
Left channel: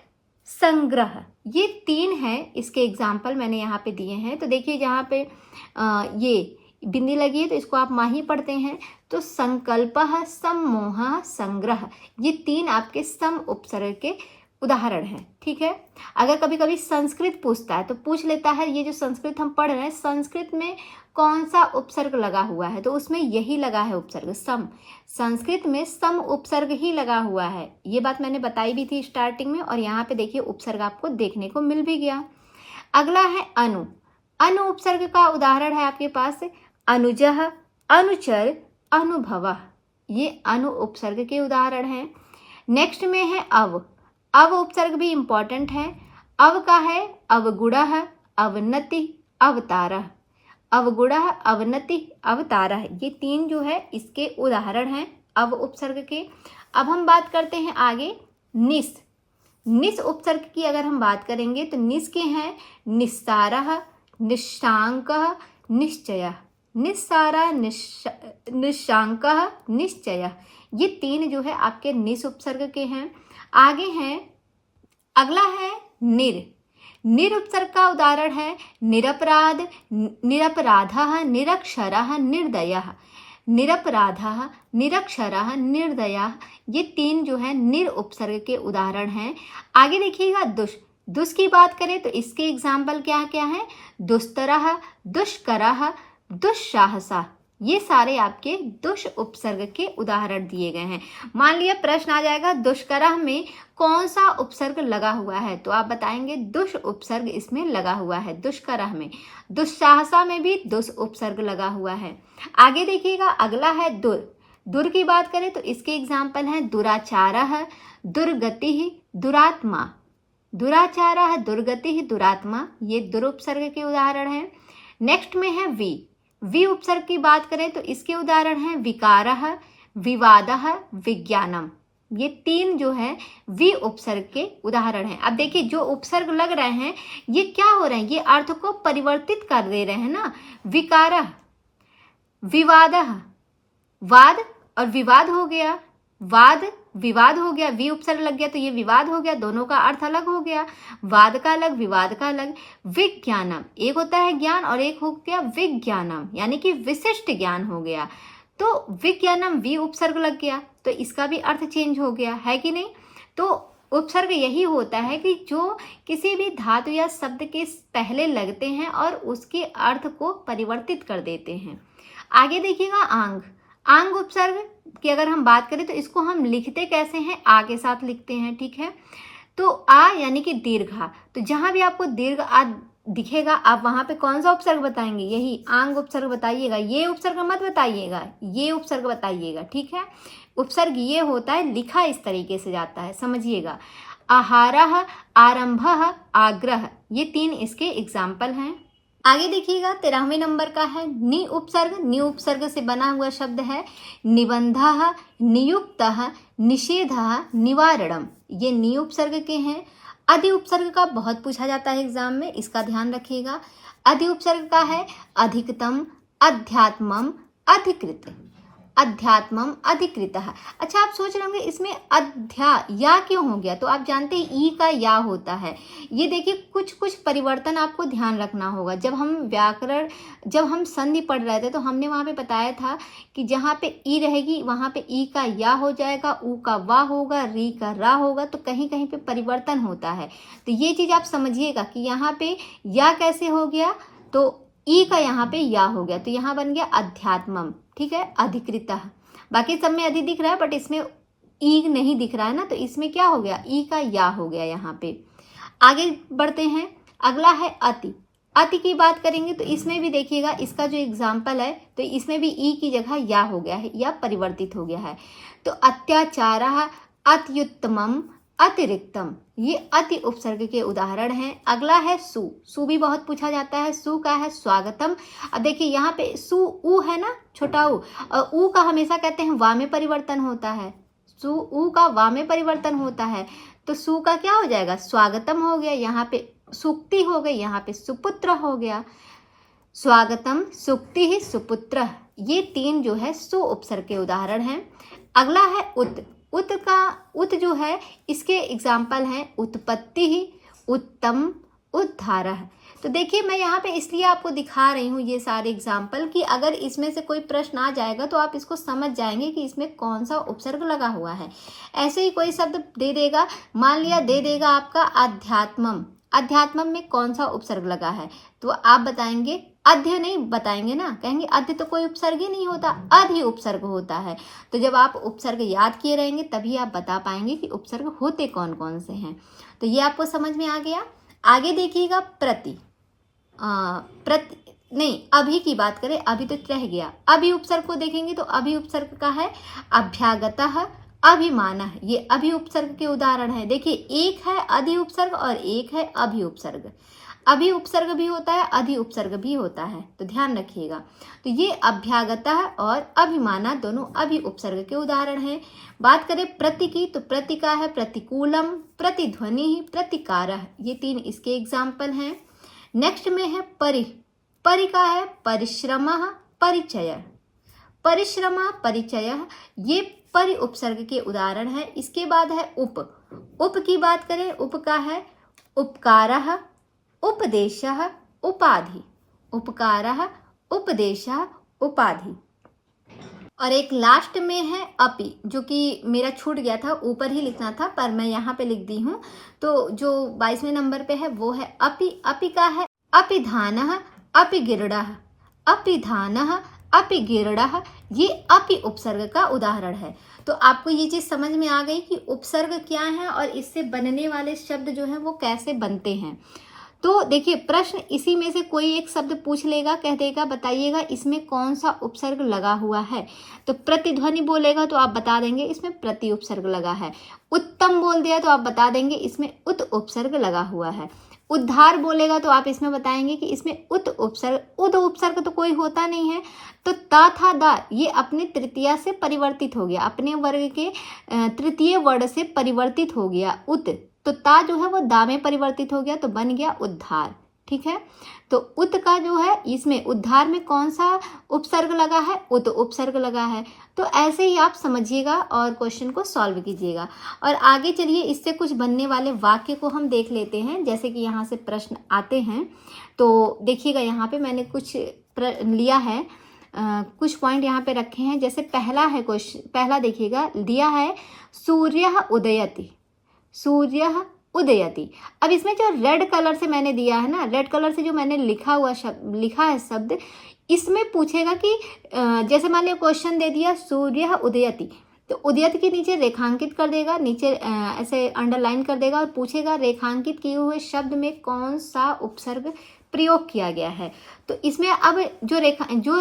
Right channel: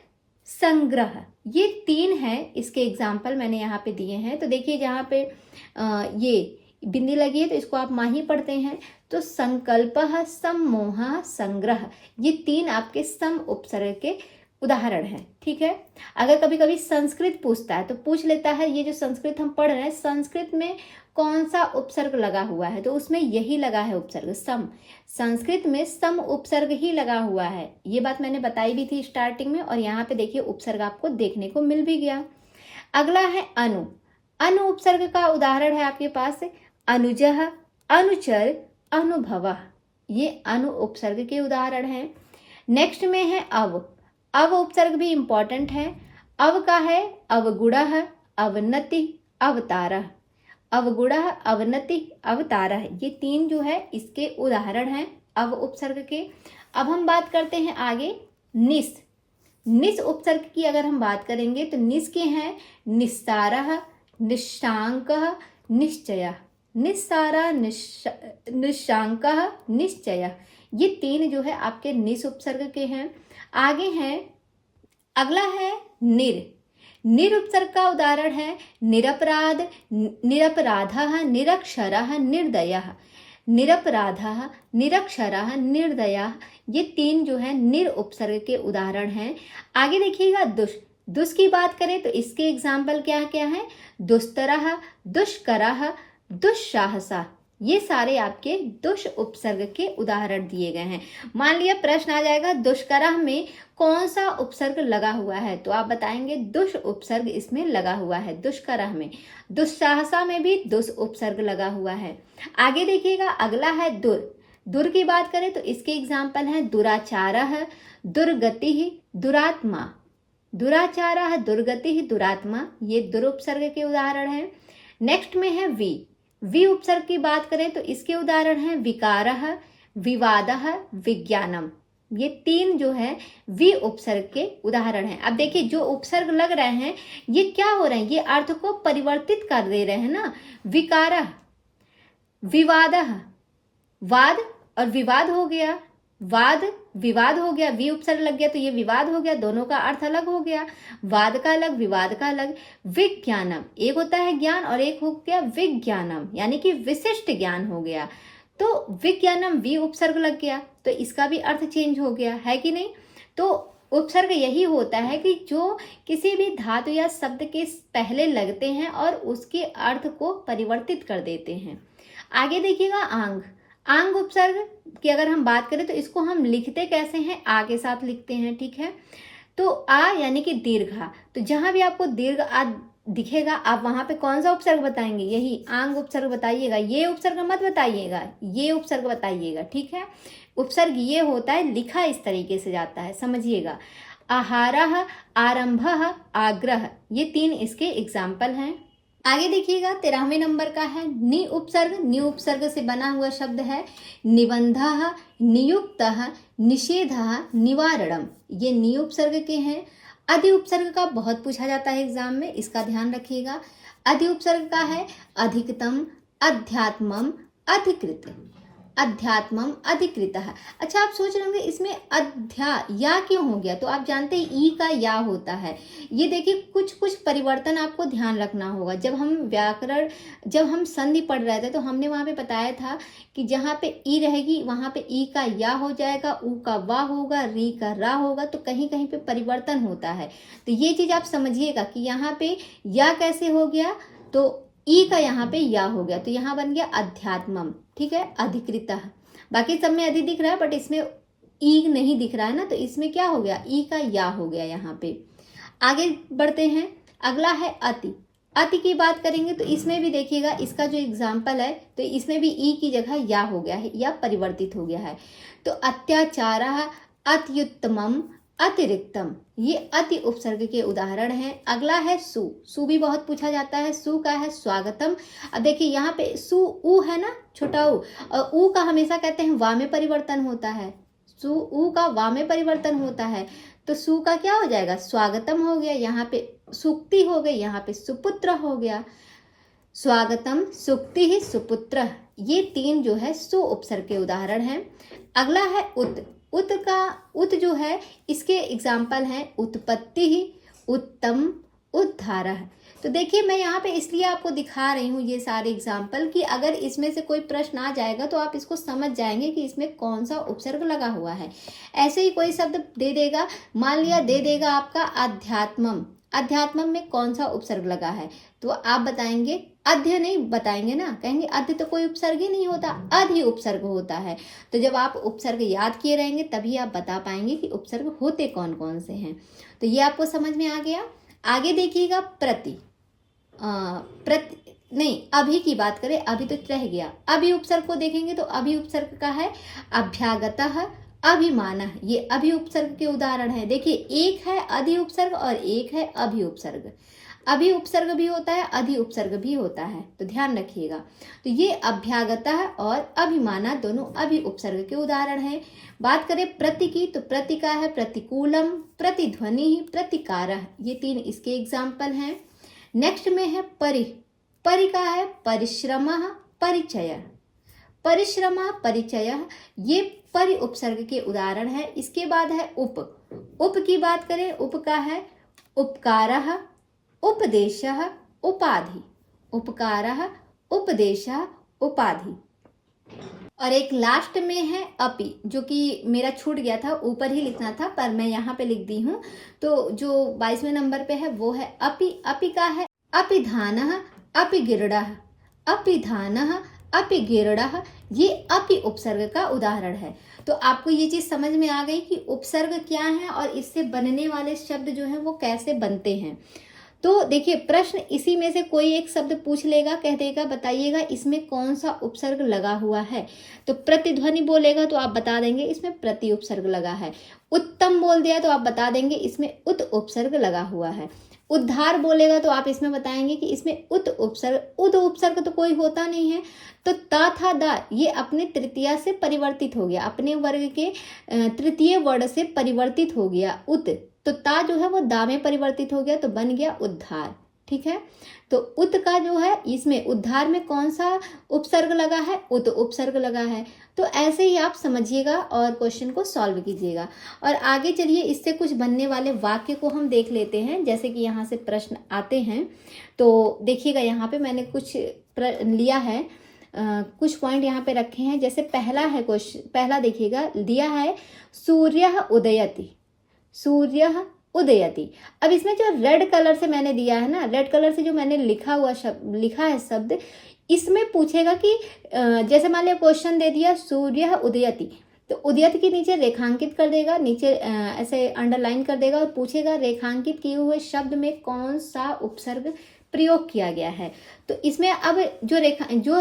संग्रह। ये 3 हैं, इसके एग्जाम्पल मैंने यहाँ पे दिए हैं। तो देखिए, जहाँ पे ये बिंदी लगी है तो इसको आप माही पढ़ते हैं। तो संकल्पः, सम्मोहः, संग्रह, ये 3 आपके सम उपसर्ग के उदाहरण हैं, ठीक है। अगर कभी कभी संस्कृत पूछता है तो पूछ लेता है, ये जो संस्कृत हम पढ़ रहे हैं, संस्कृत में कौन सा उपसर्ग लगा हुआ है? तो उसमें यही लगा है उपसर्ग सम। संस्कृत में सम उपसर्ग ही लगा हुआ है। ये बात मैंने बताई भी थी स्टार्टिंग में, और यहाँ पे देखिए उपसर्ग आपको देखने को मिल भी गया। अगला है अनु। अनु उपसर्ग का उदाहरण है आपके पास अनुजः, अनुचर, अनुभवः। ये अनु उपसर्ग के उदाहरण हैं। नेक्स्ट में है अव। अव उपसर्ग भी इंपॉर्टेंट है। अव का है अवगुणः, अवनति, अवतारः। अवगुणः, अवनति, अवतारः, ये 3 जो है इसके उदाहरण हैं अव उपसर्ग के। अब हम बात करते हैं आगे निस। निस उपसर्ग की अगर हम बात करेंगे तो निस के हैं निस्सारः, निश्शांकः, निश्चयः। निस्सारा, निश्शांकः, निश्चयः, ये 3 जो है आपके निस उपसर्ग के हैं। आगे हैं, अगला है निर। निर उपसर्ग का उदाहरण है निरपराध, निरपराधः, निरक्षरः, निर्दयः। निरपराधः, निरक्षरः, निर्दयः, ये 3 जो है निर उपसर्ग के उदाहरण हैं। आगे देखिएगा दुष। दुष की बात करें तो इसके एग्जाम्पल क्या क्या है? दुस्तरः, दुष्करः, दुस्साहसः, ये सारे आपके दुष उपसर्ग के उदाहरण दिए गए हैं। मान लिया प्रश्न आ जाएगा दुष्करः में कौन सा उपसर्ग लगा हुआ है, तो आप बताएंगे दुष उपसर्ग इसमें लगा हुआ है दुष्करः में। दुस्साहसा में भी दुष उपसर्ग लगा हुआ है। आगे देखिएगा अगला है दुर। दुर की बात करें तो इसके एग्जाम्पल हैं दुराचारः, दुर्गतिः, दुरात्मा। दुराचारः, दुर्गतिः, दुरात्मा, ये दुर उपसर्ग के उदाहरण हैं। नेक्स्ट में है वी। वी उपसर्ग की बात करें तो इसके उदाहरण हैं विकारः, विवादः, विज्ञानम, ये 3 जो है वी उपसर्ग के उदाहरण हैं। अब देखिए जो उपसर्ग लग रहे हैं ये क्या हो रहे हैं, ये अर्थ को परिवर्तित कर दे रहे हैं ना। विकारः, विवादः, वाद और विवाद हो गया, वाद विवाद हो गया, वी उपसर्ग लग गया तो ये विवाद हो गया, दोनों का अर्थ अलग हो गया, वाद का अलग विवाद का अलग। विज्ञानम, एक होता है ज्ञान और एक हो गया विज्ञानम, यानी कि विशिष्ट ज्ञान हो गया। तो विज्ञानम वी उपसर्ग लग गया तो इसका भी अर्थ चेंज हो गया, है कि नहीं? तो उपसर्ग यही होता है कि जो किसी भी धातु या शब्द के पहले लगते हैं और उसके अर्थ को परिवर्तित कर देते हैं। आगे देखिएगा आंग। आंग उपसर्ग की अगर हम बात करें तो इसको हम लिखते कैसे हैं? आ के साथ लिखते हैं, ठीक है। तो आ यानी कि दीर्घा, तो जहां भी आपको दीर्घ आ दिखेगा आप वहां पे कौन सा उपसर्ग बताएंगे? यही आंग उपसर्ग बताइएगा, ये उपसर्ग मत बताइएगा, ये उपसर्ग बताइएगा, ठीक है। उपसर्ग ये होता है, लिखा इस तरीके से जाता है, समझिएगा। आहारः, आरंभः, आग्रह, ये 3 इसके एग्जाम्पल हैं। आगे देखिएगा 13वें नंबर का है नि उपसर्ग। नि उपसर्ग से बना हुआ शब्द है निबंधः, नियुक्तः, निषेधः, निवारणम, ये नि उपसर्ग के हैं। अधि उपसर्ग का बहुत पूछा जाता है एग्जाम में, इसका ध्यान रखिएगा। अधि उपसर्ग का है अधिकतम, अध्यात्मम, अधिकृत, अध्यात्मम, अधिकृतः। अच्छा आप सोच रहे होंगे इसमें अध्या या क्यों हो गया, तो आप जानते हैं ई का या होता है। ये देखिए कुछ कुछ परिवर्तन आपको ध्यान रखना होगा। जब हम संधि पढ़ रहे थे तो हमने वहां पे बताया था कि जहाँ पे ई रहेगी वहां पे ई का या हो जाएगा, ऊ का वा होगा, री का रा होगा, तो कहीं कहीं पे परिवर्तन होता है। तो ये चीज आप समझिएगा कि यहाँ पे या कैसे हो गया, तो ई का यहाँ पे या हो गया, तो यहाँ बन गया अध्यात्मम, ठीक है, अधिकृतः। बाकी सब में अधि दिख रहा है बट इसमें ई नहीं दिख रहा है ना, तो इसमें क्या हो गया, ई का या हो गया यहाँ पे। आगे बढ़ते हैं, अगला है अति। अति की बात करेंगे तो इसमें भी देखिएगा इसका जो एग्जाम्पल है तो इसमें भी ई की जगह या हो गया है, या परिवर्तित हो गया है। तो अत्याचारः, अत्युत्तमम, अतिरिक्तम, ये अति उपसर्ग के उदाहरण हैं। अगला है सु। सु भी बहुत पूछा जाता है। सु का है स्वागतम। अब देखिए यहाँ पे सु ऊ है ना, छोटा ऊ, और ऊ का हमेशा कहते हैं वा में परिवर्तन होता है। सु ऊ का वा में परिवर्तन होता है, तो सु का क्या हो जाएगा, स्वागतम हो गया, यहाँ पे सुक्ति हो गई, यहाँ पे सुपुत्र हो गया। स्वागतम, सुक्ति ही, सुपुत्र, ये 3 जो है सु उपसर्ग के उदाहरण हैं। अगला है उत। उत का उत जो है इसके एग्जाम्पल हैं उत्पत्ति ही, उत्तम, उद्धारः। तो देखिए मैं यहाँ पे इसलिए आपको दिखा रही हूँ ये सारे एग्जाम्पल कि अगर इसमें से कोई प्रश्न आ जाएगा तो आप इसको समझ जाएंगे कि इसमें कौन सा उपसर्ग लगा हुआ है। ऐसे ही कोई शब्द दे देगा, मान लिया दे देगा आपका अध्यात्मम, अध्यात्मम में कौन सा उपसर्ग लगा है, तो आप बताएंगे, अध्य नहीं बताएंगे ना, कहेंगे अध्य तो कोई उपसर्ग ही नहीं होता, अधि उपसर्ग होता है। तो जब आप उपसर्ग याद किए रहेंगे तभी आप बता पाएंगे कि उपसर्ग होते कौन कौन से हैं। तो ये आपको समझ में आ गया। आगे देखिएगा प्रति। नहीं, अभी की बात करें, अभी तो रह गया। अभी उपसर्ग को देखेंगे तो अभी उपसर्ग का है अभ्यागतः, अभिमानः, ये अभी उपसर्ग के उदाहरण है। देखिए एक है अधि उपसर्ग और एक है अभी उपसर्ग। अभी उपसर्ग भी होता है, अधि उपसर्ग भी होता है, तो ध्यान रखिएगा। तो ये अभ्यागतः और अभिमानः दोनों अभी उपसर्ग के उदाहरण हैं। बात करें प्रति की, तो प्रति का है प्रतिकूलम, प्रतिध्वनि, प्रतिकारः, ये 3 इसके एग्जाम्पल हैं। नेक्स्ट में है परि। परि का है परिश्रमः, परिचय, परिश्रम, परिचय, ये परि उपसर्ग के उदाहरण है। इसके बाद है उप। उप की बात करें, उप का है उपकारः, उपदेशः, उपाधि, उपकारः, उपदेशः, उपाधि। और एक लास्ट में है अपि, जो कि मेरा छूट गया था, ऊपर ही लिखना था पर मैं यहाँ पे लिख दी हूँ। तो जो 22वें नंबर पे है वो है अपि। अपि का है अपिधानः अपिगिरडः, अपिधानः अपिगिरडः, ये अपि उपसर्ग का उदाहरण है। तो आपको ये चीज समझ में आ गई कि उपसर्ग क्या है और इससे बनने वाले शब्द जो है वो कैसे बनते हैं। तो देखिए, प्रश्न इसी में से कोई एक शब्द पूछ लेगा, कह देगा बताइएगा इसमें कौन सा उपसर्ग लगा हुआ है। तो प्रतिध्वनि बोलेगा तो आप बता देंगे इसमें प्रति उपसर्ग लगा है। उत्तम बोल दिया तो आप बता देंगे इसमें उत उपसर्ग लगा हुआ है। उद्धार बोलेगा तो आप इसमें बताएंगे कि इसमें उत उपसर्ग, उद उपसर्ग तो कोई होता नहीं है। तो ता था दा, ये अपने तृतीया से परिवर्तित हो गया, अपने वर्ग के तृतीय वर्ण से परिवर्तित हो गया उत। तो ता जो है वो दा में परिवर्तित हो गया तो बन गया उद्धार। ठीक है, तो उत का जो है इसमें उद्धार में कौन सा उपसर्ग लगा है, उत उपसर्ग लगा है। तो ऐसे ही आप समझिएगा और क्वेश्चन को सॉल्व कीजिएगा। और आगे चलिए, इससे कुछ बनने वाले वाक्य को हम देख लेते हैं। जैसे कि यहाँ से प्रश्न आते हैं तो देखिएगा, यहाँ पे मैंने कुछ लिया है, कुछ पॉइंट यहाँ पे रखे हैं। जैसे पहला है क्वेश्चन, पहला देखिएगा दिया है सूर्यः उदयति, सूर्यः उदयति। अब इसमें जो रेड कलर से मैंने दिया है ना, रेड कलर से जो मैंने लिखा है शब्द, इसमें पूछेगा कि जैसे मान लिया क्वेश्चन दे दिया सूर्यः उदयति, तो उदयति के नीचे रेखांकित कर देगा, नीचे ऐसे अंडरलाइन कर देगा और पूछेगा रेखांकित किए हुए शब्द में कौन सा उपसर्ग प्रयोग किया गया है। तो इसमें अब जो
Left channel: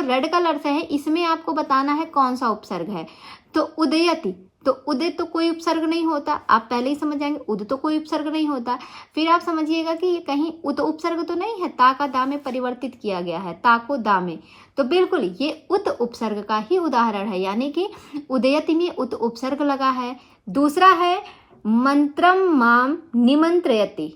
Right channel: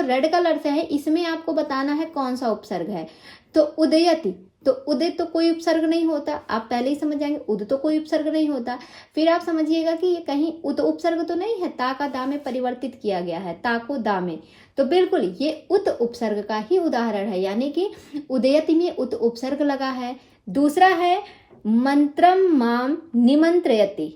रेड कलर से है इसमें आपको बताना है कौन सा उपसर्ग है। तो उदयति, तो उदय तो कोई उपसर्ग नहीं होता, आप पहले ही समझ जाएंगे, उद तो कोई उपसर्ग नहीं होता। फिर आप समझिएगा कि ये कहीं उद उपसर्ग तो नहीं है, ता का दा में परिवर्तित किया गया है, ता को दा में, तो बिल्कुल ये उत उपसर्ग का ही उदाहरण है, यानी कि उदयति में उत उपसर्ग लगा है। दूसरा है मंत्रम माम निमंत्रयति,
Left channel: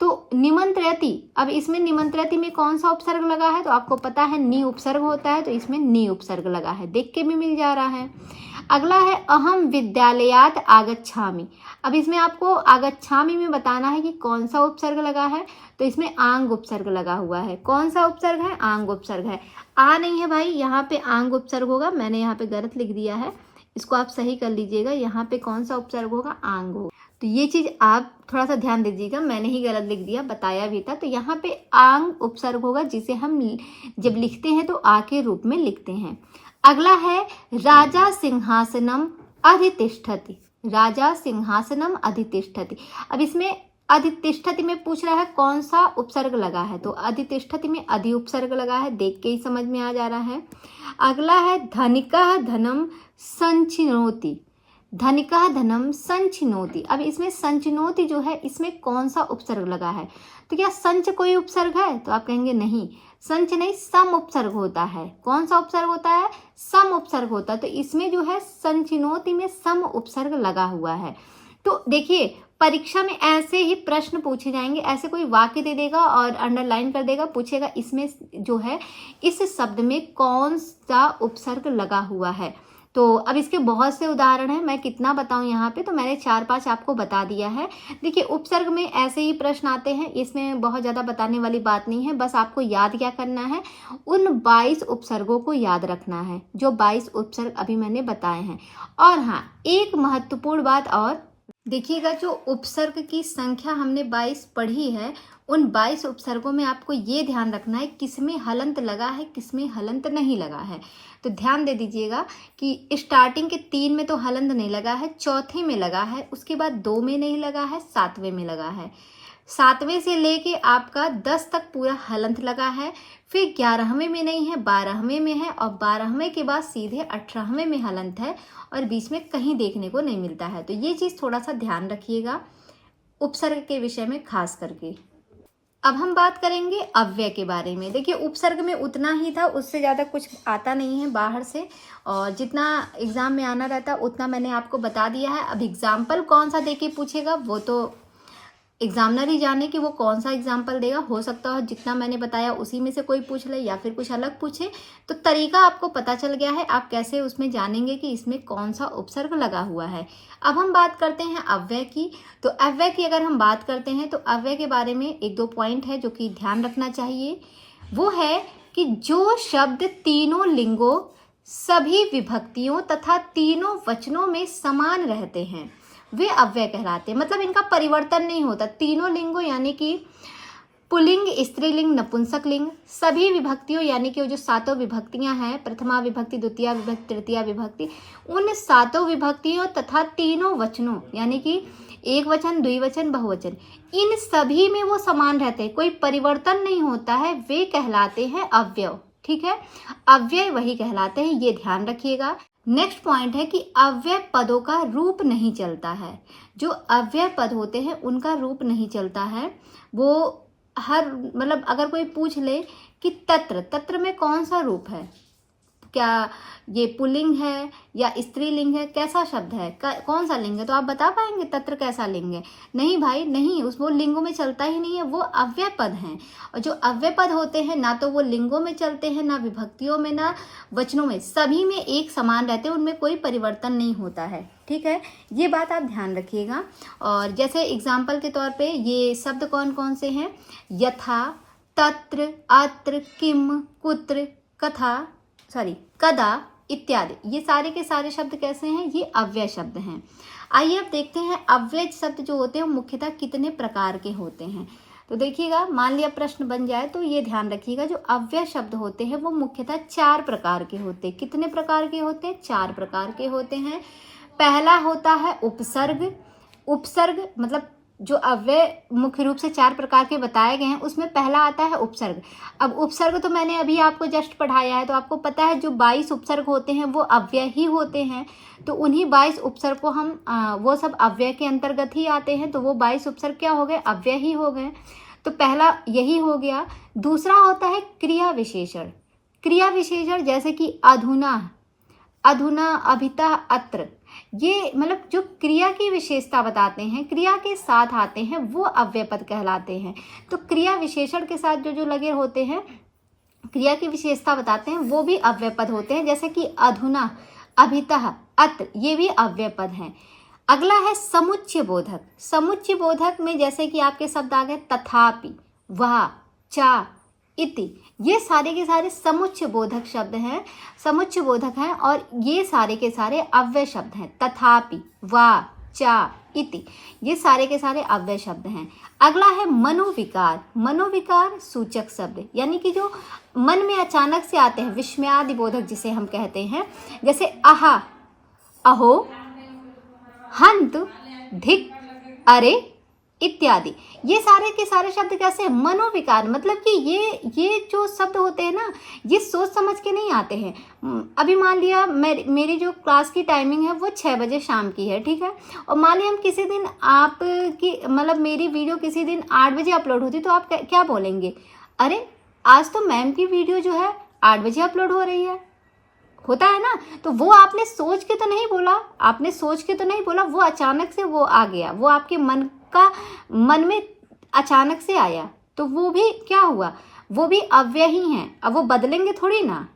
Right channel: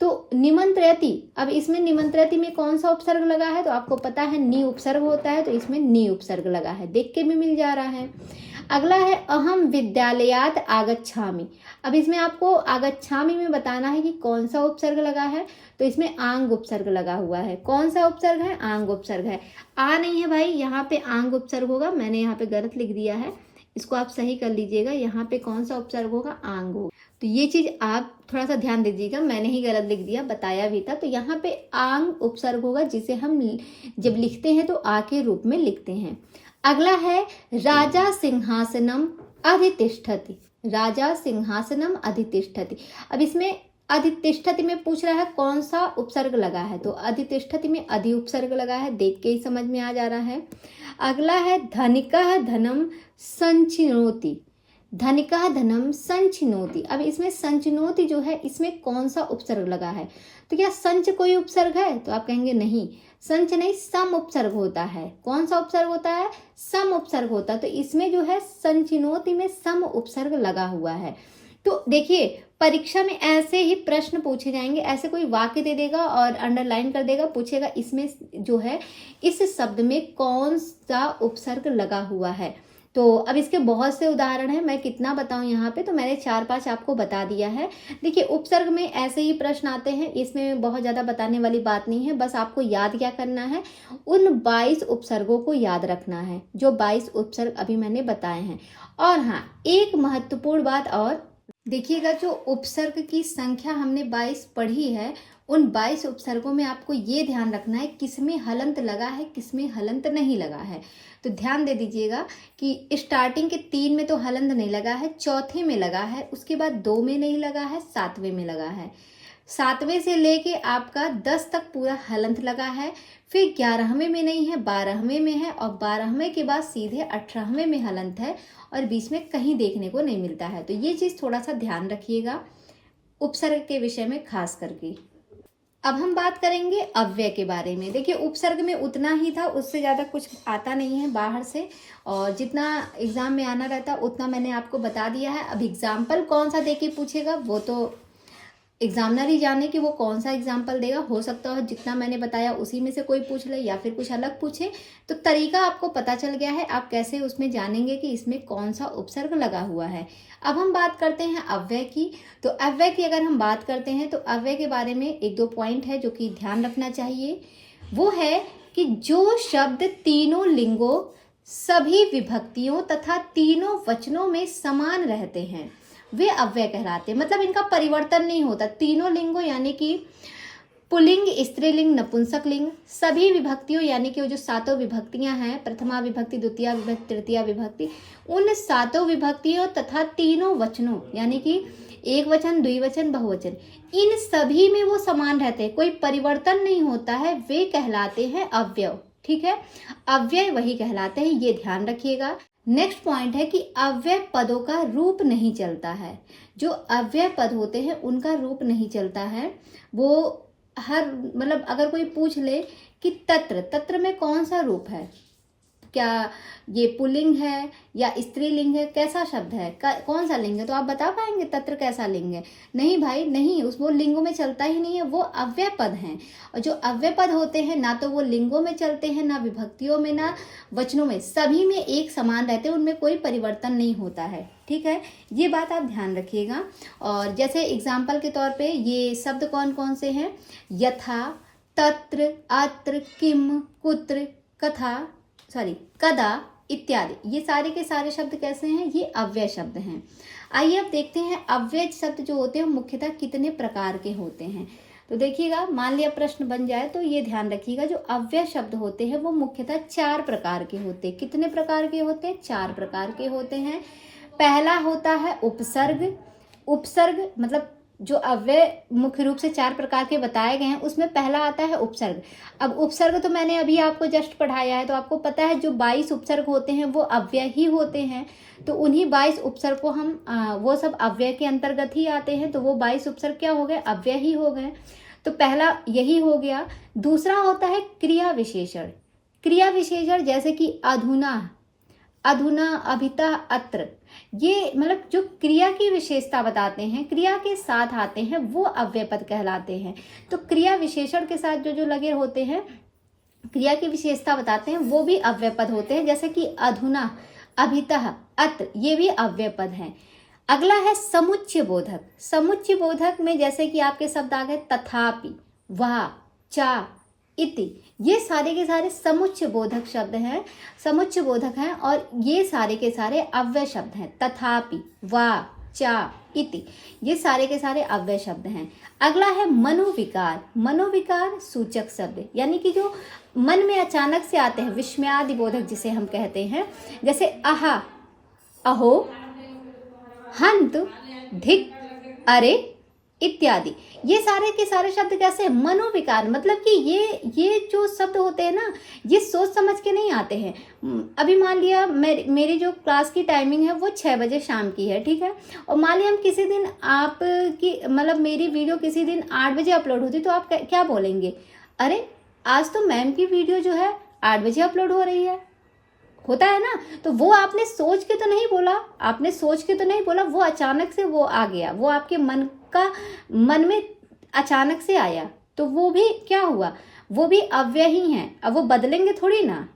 तो निमंत्रयति, अब इसमें निमंत्रयति में कौन सा उपसर्ग लगा है, तो आपको पता है नी उपसर्ग होता है, तो इसमें नी उपसर्ग लगा है, देख के भी मिल जा रहा है। अगला है अहम विद्यालयात आगच्छामि। अब इसमें आपको आगच्छामि में बताना है कि कौन सा उपसर्ग लगा है, तो इसमें आंग उपसर्ग लगा हुआ है। कौन सा उपसर्ग है, आंग उपसर्ग है। आ नहीं है भाई, यहाँ पे आंग उपसर्ग होगा, मैंने यहाँ पे गलत लिख दिया है, इसको आप सही कर लीजिएगा। यहाँ पे कौन सा उपसर्ग होगा, आंग होगा। तो ये चीज आप थोड़ा सा ध्यान दीजिएगा, मैंने ही गलत लिख दिया, बताया भी था। तो यहाँ पे आंग उपसर्ग होगा, जिसे हम जब लिखते हैं तो आ के रूप में लिखते हैं। अगला है राजा सिंहासनम अधितिष्ठति, राजा सिंहासनम अधितिष्ठति। अब इसमें अधितिष्ठति में पूछ रहा है कौन सा उपसर्ग लगा है, तो अधितिष्ठति में अधि उपसर्ग लगा है, देख के ही समझ में आ जा रहा है। अगला है धनिकः धनम संचिनोति, धनिकः धनम संचिनोति। अब इसमें संचिनोति जो है इसमें कौन सा उपसर्ग लगा है, तो क्या संच कोई उपसर्ग है, तो आप कहेंगे नहीं, संच नहीं, सम उपसर्ग होता है। कौन सा उपसर्ग होता है, सम उपसर्ग होता है। तो इसमें जो है संचिनोति में सम उपसर्ग लगा हुआ है। तो देखिए, परीक्षा में ऐसे ही प्रश्न पूछे जाएंगे, ऐसे कोई वाक्य दे देगा और अंडरलाइन कर देगा, पूछेगा इसमें जो है इस शब्द में कौन सा उपसर्ग लगा हुआ है। तो अब इसके बहुत से उदाहरण हैं, मैं कितना बताऊं यहाँ पे, तो मैंने 4-5 आपको बता दिया है। देखिए, उपसर्ग में ऐसे ही प्रश्न आते हैं, इसमें बहुत ज़्यादा बताने वाली बात नहीं है, बस आपको याद क्या करना है, उन 22 उपसर्गों को याद रखना है जो 22 उपसर्ग अभी मैंने बताए हैं। और हाँ, एक महत्वपूर्ण बात और देखिएगा, जो उपसर्ग की संख्या हमने 22 पढ़ी है, उन 22 उपसर्गों में आपको ये ध्यान रखना है किसमें हलंत लगा है, किसमें हलंत नहीं लगा है। तो ध्यान दे दीजिएगा कि स्टार्टिंग के 3 में तो हलंत नहीं लगा है, चौथे में लगा है, उसके बाद 2 में नहीं लगा है, 7वें में लगा है, 7वें से लेके आपका 10 तक पूरा हलंत लगा है। फिर 11वें में नहीं है, 12वें में है, और 12वें के बाद सीधे 18वें में हलंत है, और बीच में कहीं देखने को नहीं मिलता है। तो ये चीज़ थोड़ा सा ध्यान रखिएगा उपसर्ग के विषय में खास करके। अब हम बात करेंगे अव्यय के बारे में। देखिए, उपसर्ग में उतना ही था, उससे ज़्यादा कुछ आता नहीं है बाहर से, और जितना एग्जाम में आना रहता है उतना मैंने आपको बता दिया है। अब एग्जाम्पल कौन सा देके पूछेगा वो तो एग्जामिनर ही जाने कि वो कौन सा एग्जाम्पल देगा। हो सकता है जितना मैंने बताया उसी में से कोई पूछ ले या फिर कुछ अलग पूछे। तो तरीका आपको पता चल गया है, आप कैसे उसमें जानेंगे कि इसमें कौन सा उपसर्ग लगा हुआ है। अब हम बात करते हैं अव्यय की। तो अव्यय की अगर हम बात करते हैं तो अव्यय के बारे में 1-2 पॉइंट है जो कि ध्यान रखना चाहिए। वो है कि जो शब्द तीनों लिंगों सभी विभक्तियों तथा तीनों वचनों में समान रहते हैं वे अव्यय कहलाते हैं। मतलब इनका परिवर्तन नहीं होता। तीनों लिंगों यानी कि पुल्लिंग, स्त्रीलिंग, नपुंसक लिंग, सभी विभक्तियों यानी कि वो जो सातों विभक्तियां हैं, प्रथमा विभक्ति, द्वितीय विभक्ति, तृतीया विभक्ति, उन सातों विभक्तियों तथा तीनों वचनों यानी कि एक वचन, द्विवचन, बहुवचन, इन सभी में वो समान रहते हैं, कोई परिवर्तन नहीं होता है, वे कहलाते हैं अव्यय। ठीक है, अव्यय वही कहलाते हैं, ये ध्यान रखिएगा। नेक्स्ट पॉइंट है कि अव्यय पदों का रूप नहीं चलता है। जो अव्यय पद होते हैं उनका रूप नहीं चलता है। वो हर मतलब अगर कोई पूछ ले कि तत्र, तत्र में कौन सा रूप है, क्या ये पुल्लिंग है या स्त्रीलिंग है, कैसा शब्द है, कौन सा लिंग है, तो आप बता पाएंगे तत्र कैसा लिंग है? नहीं भाई नहीं, उस वो लिंगों में चलता ही नहीं है, वो अव्यय पद हैं। और जो अव्यय पद होते हैं ना तो वो लिंगों में चलते हैं, ना विभक्तियों में, ना वचनों में, सभी में एक समान रहते हैं, उनमें कोई परिवर्तन नहीं होता है। ठीक है, ये बात आप ध्यान रखिएगा। और जैसे एग्जाम्पल के तौर पे ये शब्द कौन कौन से हैं? यथा, तत्र, अत्र, किम, कुत्र, कदा इत्यादि, ये सारे के सारे शब्द कैसे हैं? ये अव्यय शब्द हैं। आइए अब देखते हैं अव्यय शब्द जो होते हैं मुख्यतः कितने प्रकार के होते हैं। तो देखिएगा, मान लिया प्रश्न बन जाए तो ये ध्यान रखिएगा, जो अव्यय शब्द होते हैं वो मुख्यतः 4 प्रकार के होते हैं। कितने प्रकार के होते हैं? 4 प्रकार के होते हैं। पहला होता है उपसर्ग। उपसर्ग मतलब जो अव्यय मुख्य रूप से 4 प्रकार के बताए गए हैं उसमें पहला आता है उपसर्ग। अब उपसर्ग तो मैंने अभी आपको जस्ट पढ़ाया है, तो आपको पता है जो 22 उपसर्ग होते हैं वो अव्यय ही होते हैं। तो उन्हीं 22 उपसर्ग को हम वो सब अव्यय के अंतर्गत ही आते हैं, तो वो 22 उपसर्ग क्या हो गए? अव्यय ही हो गए। तो पहला यही हो गया। दूसरा होता है क्रिया विशेषण। क्रिया विशेषण जैसे कि अधुना, अधुना, अभितः, अत्र, ये मतलब जो क्रिया की विशेषता बताते हैं, क्रिया के साथ आते हैं, वो अव्यय पद कहलाते हैं। तो क्रिया विशेषण के साथ जो जो लगे होते हैं, क्रिया की विशेषता बताते हैं, वो भी अव्यय पद होते हैं। जैसे कि अधुना, अभितः, अत्र, ये भी अव्यय पद हैं। अगला है समुच्चय बोधक। समुच्चय बोधक में जैसे कि आपके शब्द आ गए तथापि, वह, चा, इति, ये सारे के सारे समुच्चय बोधक शब्द हैं, समुच्चय बोधक हैं, और ये सारे के सारे अव्यय शब्द हैं। तथापि, वा, चा, इति, ये सारे के सारे अव्यय शब्द हैं। अगला है मनोविकार। मनोविकार सूचक शब्द यानी कि जो मन में अचानक से आते हैं, विस्मयादि बोधक जिसे हम कहते हैं, जैसे आहा, अहो, हंत, धिक, अरे इत्यादि, ये सारे के सारे शब्द कैसे हैं? मनोविकार। मतलब कि ये जो शब्द होते हैं ना, ये सोच समझ के नहीं आते हैं। अभी मान लिया मेरी जो क्लास की टाइमिंग है वो 6 बजे शाम की है, ठीक है, और मान लिया हम किसी दिन आपकी मतलब मेरी वीडियो किसी दिन 8 बजे अपलोड होती, तो आप क्या बोलेंगे? अरे आज तो मैम की वीडियो जो है 8 बजे अपलोड हो रही है, होता है ना। तो वो आपने सोच के तो नहीं बोला, आपने सोच के तो नहीं बोला, वो अचानक से वो आ गया, वो आपके मन में अचानक से आया, तो वो भी क्या हुआ? वो भी अव्यय ही हैं। अब वो बदलेंगे थोड़ी ना,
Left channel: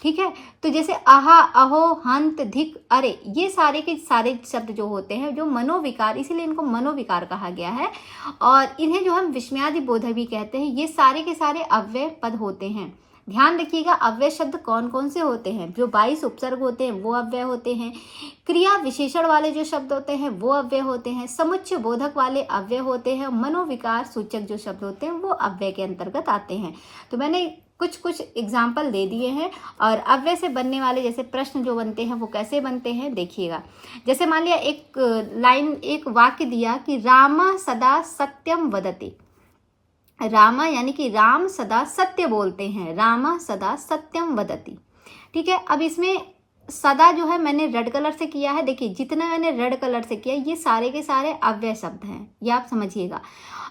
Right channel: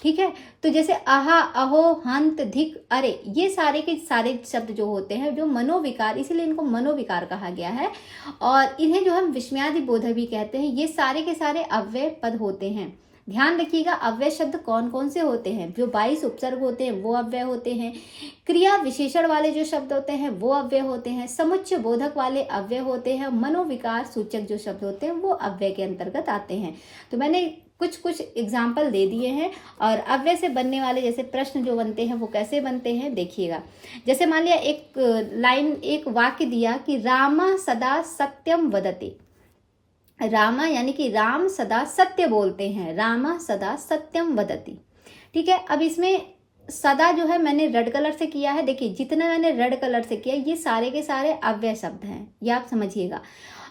ठीक है। तो जैसे आहा, अहो, हंत, धिक, अरे, ये सारे के सारे शब्द जो होते हैं जो मनोविकार, इसीलिए इनको मनोविकार कहा गया है, और इन्हें जो हम विस्मयादि बोधक भी कहते हैं। ये सारे के सारे अव्यय पद होते हैं। ध्यान रखिएगा, अव्यय शब्द कौन कौन से होते हैं? जो 22 उपसर्ग होते हैं वो अव्यय होते हैं। क्रिया विशेषण वाले जो शब्द होते हैं वो अव्यय होते हैं। समुच्चय बोधक वाले अव्यय होते हैं। मनोविकार सूचक जो शब्द होते हैं वो अव्यय के अंतर्गत आते हैं। तो मैंने कुछ एग्जाम्पल दे दिए हैं। और अव्यय से बनने वाले जैसे प्रश्न जो बनते हैं वो कैसे बनते हैं देखिएगा। जैसे मान लिया एक वाक्य दिया कि रामा सदा सत्यम वदति। रामा यानी कि राम सदा सत्य बोलते हैं, रामा सदा सत्यम वदति, ठीक है। अब इसमें सदा जो है मैंने रेड कलर से किया है। देखिए जितना मैंने रेड कलर से किया, ये सारे के सारे अव्यय शब्द हैं, ये आप समझिएगा।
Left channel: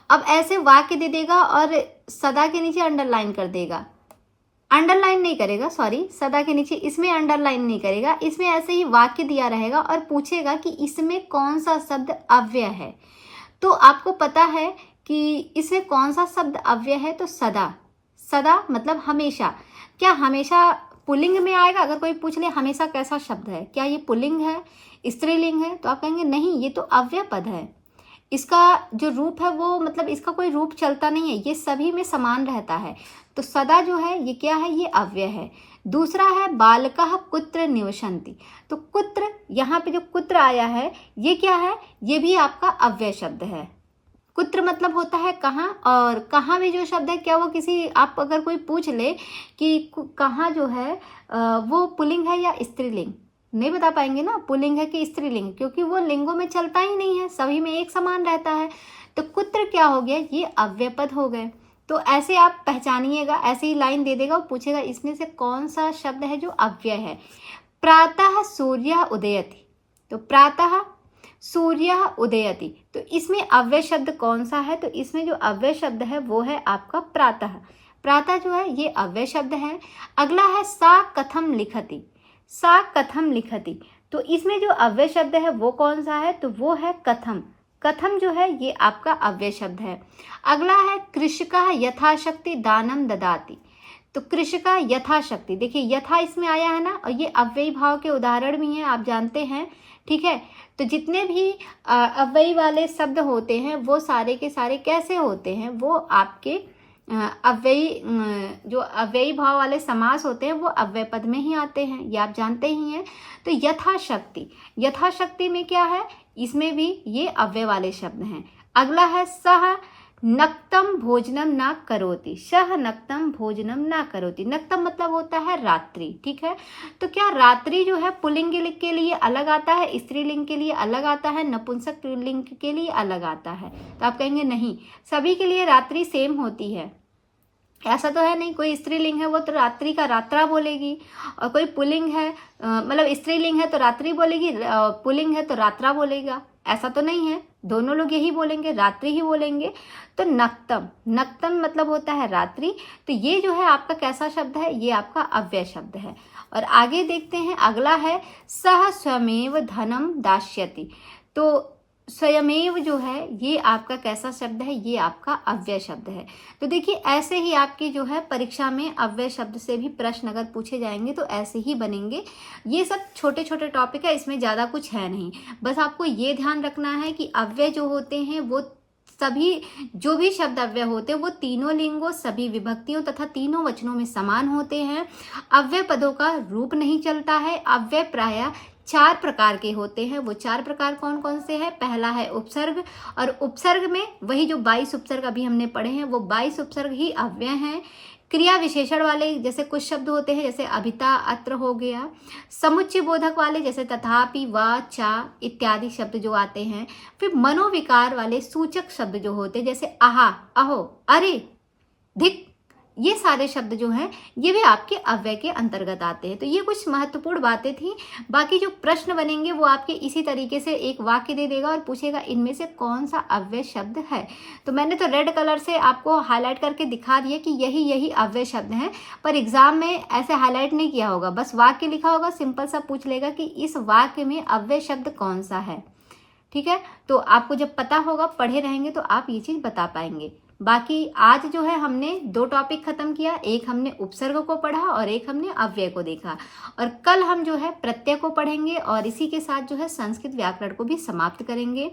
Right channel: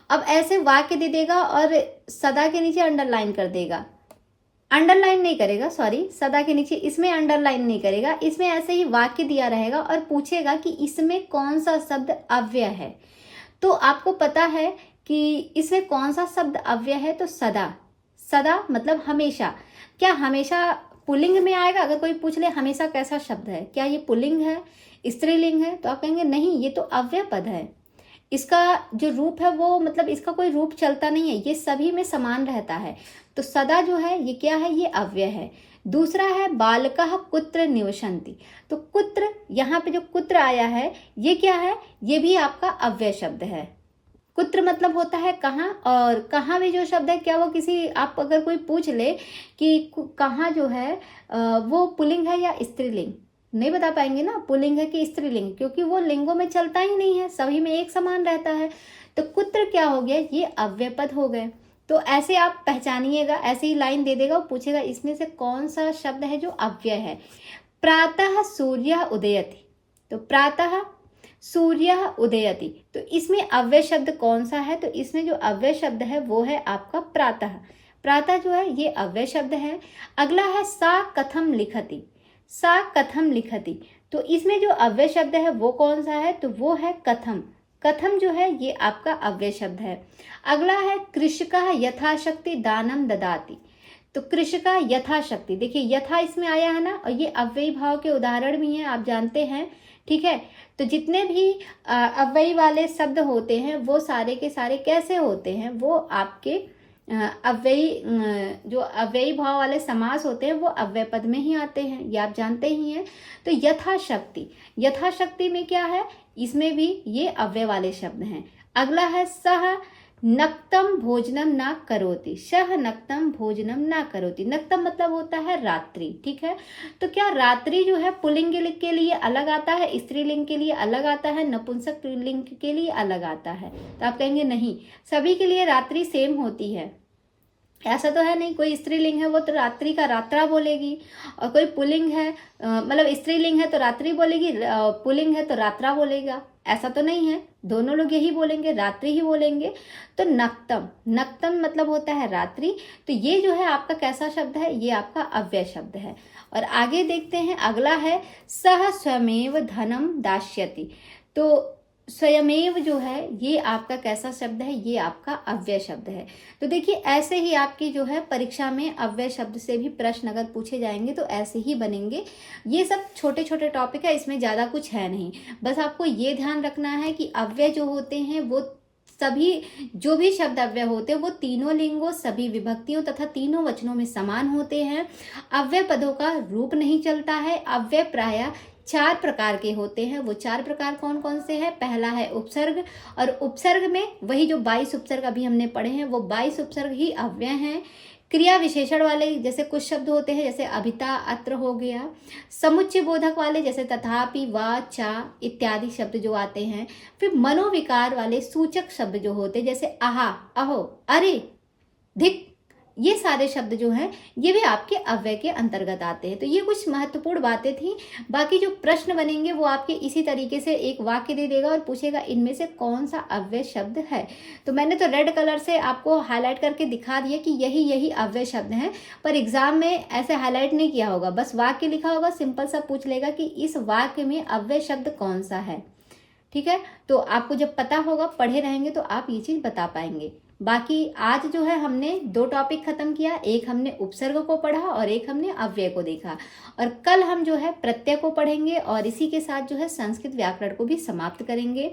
अब ऐसे वाक्य दे देगा और सदा के नीचे अंडरलाइन कर देगा, अंडरलाइन नहीं करेगा, सॉरी, सदा के नीचे इसमें अंडरलाइन नहीं करेगा, इसमें ऐसे ही वाक्य दिया रहेगा और पूछेगा कि इसमें कौन सा शब्द अव्यय है। तो आपको पता है कि इसमें कौन सा शब्द अव्यय है, तो सदा। सदा मतलब हमेशा। क्या हमेशा पुल्लिंग में आएगा? अगर कोई पूछ ले हमेशा कैसा शब्द है, क्या ये पुल्लिंग है, स्त्रीलिंग है, तो आप कहेंगे नहीं, ये तो अव्यय पद है। इसका जो रूप है वो मतलब इसका कोई रूप चलता नहीं है, ये सभी में समान रहता है। तो सदा जो है ये क्या है? ये अव्यय है। दूसरा है बालकः कुत्र निवसन्ति। तो कुत्र, यहाँ पे जो कुत्र आया है ये क्या है, ये भी आपका अव्यय शब्द है। कुत्र मतलब होता है कहाँ, और कहाँ में जो शब्द है क्या वो किसी, आप अगर कोई पूछ ले कि कहाँ जो है वो पुल्लिंग है या स्त्रीलिंग, नहीं बता पाएंगे ना पुल्लिंग है कि स्त्रीलिंग, क्योंकि वो लिंगों में चलता ही नहीं है, सभी में एक समान रहता है। तो कुत्र क्या हो गया, ये अव्यय पद हो गए। तो ऐसे आप पहचानिएगा, ऐसे ही लाइन दे देगा, वो पूछेगा इसमें से कौन सा शब्द है जो अव्यय है। प्रातः सूर्य उदयति, तो प्रातः सूर्य उदयति, तो इसमें अव्यय शब्द कौन सा है, तो इसमें जो अव्यय शब्द है वो है आपका प्रातः। प्रातः जो है ये अव्यय शब्द है। अगला है सा कथम लिखति, सा कथम लिखति, तो इसमें जो अव्यय शब्द है वो कौन सा है, तो वो है कथम। कथम जो है ये आपका अव्यय शब्द है। अगला है कृषकः यथाशक्ति दानम ददाति, तो कृषका यथाशक्ति, देखिए यथा इसमें आया है ना, और ये अव्ययी भाव के उदाहरण भी हैं, आप जानते हैं, ठीक है। तो जितने भी अव्ययी वाले शब्द होते हैं वो सारे के सारे कैसे होते हैं, वो आपके अव्ययी, जो अव्ययी भाव वाले समास होते हैं वो अव्यय पद में ही आते हैं, ये आप जानते ही हैं। तो यथाशक्ति, यथाशक्ति में क्या है, इसमें भी ये अव्यय वाले शब्द हैं। अगला है सह नक्तम भोजनम ना करोति, सह नक्तम भोजनम ना करोति, नक्तम मतलब होता है रात्रि, ठीक है। तो क्या रात्रि जो है पुल्लिंग के लिए अलग आता है, स्त्रीलिंग के लिए अलग आता है, नपुंसक लिंग के लिए अलग आता है, तो आप कहेंगे नहीं, सभी के लिए रात्रि सेम होती है। ऐसा तो है नहीं, कोई स्त्रीलिंग है वो तो रात्रि का रात्रा बोलेगी, और कोई पुल्लिंग है मतलब स्त्रीलिंग है तो रात्रि बोलेगी, पुल्लिंग है तो रात्रा बोलेगा, ऐसा तो नहीं है, दोनों लोग यही बोलेंगे, रात्रि ही बोलेंगे। तो नक्तम, नक्तम मतलब होता है रात्रि, तो ये जो है आपका कैसा शब्द है, ये आपका अव्यय शब्द है। और आगे देखते हैं, अगला है सह स्वमेव धनम दास्यति, तो स्वयमेव जो है ये आपका कैसा शब्द है, ये आपका अव्यय शब्द है। तो देखिए ऐसे ही आपकी जो है परीक्षा में अव्यय शब्द से भी प्रश्न अगर पूछे जाएंगे तो ऐसे ही बनेंगे। ये सब छोटे छोटे टॉपिक है, इसमें ज़्यादा कुछ है नहीं, बस आपको ये ध्यान रखना है कि अव्यय जो होते हैं वो सभी, जो भी शब्द अव्यय होते हैं वो तीनों लिंगों, सभी विभक्तियों तथा तीनों वचनों में समान होते हैं। अव्यय पदों का रूप नहीं चलता है। अव्यय प्रायः 4 प्रकार के होते हैं। वो 4 प्रकार कौन कौन से हैं? पहला है उपसर्ग, और उपसर्ग में वही जो 22 उपसर्ग अभी हमने पढ़े हैं वो 22 उपसर्ग ही अव्यय हैं। क्रिया विशेषण वाले जैसे कुछ शब्द होते हैं, जैसे अभिता, अत्र हो गया। समुच्चय बोधक वाले जैसे तथापि, व, चा इत्यादि शब्द जो आते हैं। फिर मनोविकार वाले सूचक शब्द जो होते हैं, जैसे आहा, अहो, अरे, धिक, ये सारे शब्द जो हैं ये भी आपके अव्यय के अंतर्गत आते हैं। तो ये कुछ महत्वपूर्ण बातें थी। बाकी जो प्रश्न बनेंगे वो आपके इसी तरीके से एक वाक्य दे देगा और पूछेगा इनमें से कौन सा अव्यय शब्द है। तो मैंने तो रेड कलर से आपको हाईलाइट करके दिखा दिया कि यही यही अव्यय शब्द हैं, पर एग्जाम में ऐसे हाईलाइट नहीं किया होगा, बस वाक्य लिखा होगा, सिंपल सा पूछ लेगा कि इस वाक्य में अव्यय शब्द कौन सा है। ठीक है, तो आपको जब पता होगा, पढ़े रहेंगे तो आप ये चीज बता पाएंगे। बाकी आज जो है हमने 2 टॉपिक खत्म किया, एक हमने उपसर्ग को पढ़ा और एक हमने अव्यय को देखा, और कल हम जो है प्रत्यय को पढ़ेंगे और इसी के साथ जो है संस्कृत व्याकरण को भी समाप्त करेंगे।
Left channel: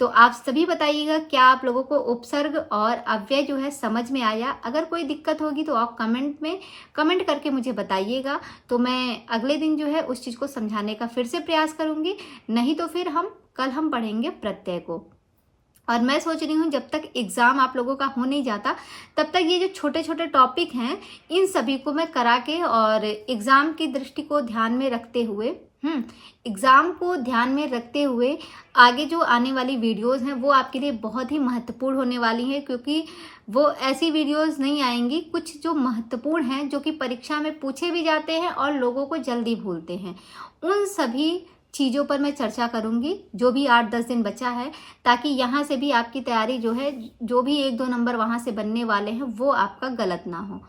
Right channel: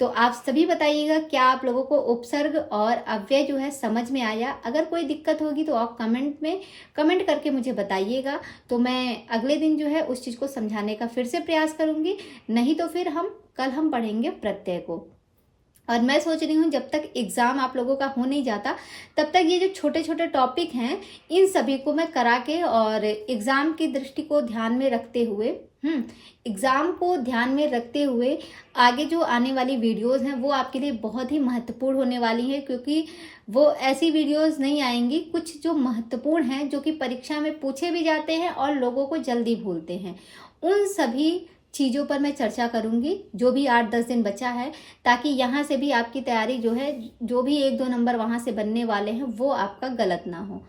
तो आप सभी बताइएगा क्या आप लोगों को उपसर्ग और अव्यय जो है समझ में आया। अगर कोई दिक्कत होगी तो आप कमेंट करके मुझे बताइएगा, तो मैं अगले दिन जो है उस चीज को समझाने का फिर से प्रयास करूंगी। नहीं तो फिर कल हम पढ़ेंगे प्रत्यय को। और मैं सोच रही हूँ जब तक एग्जाम आप लोगों का हो नहीं जाता तब तक ये जो छोटे छोटे टॉपिक हैं इन सभी को मैं करा के, और एग्जाम की दृष्टि को ध्यान में रखते हुए एग्जाम को ध्यान में रखते हुए आगे जो आने वाली वीडियोस हैं वो आपके लिए बहुत ही महत्वपूर्ण होने वाली हैं, क्योंकि वो ऐसी वीडियोस नहीं आएंगी, कुछ जो महत्वपूर्ण हैं जो कि परीक्षा में पूछे भी जाते हैं और लोगों को जल्दी भूलते हैं, उन सभी चीज़ों पर मैं चर्चा करूंगी जो भी 8-10 दिन बचा है, ताकि यहाँ से भी आपकी तैयारी जो है, जो भी 1-2 नंबर वहाँ से बनने वाले हैं वो आपका गलत ना हो।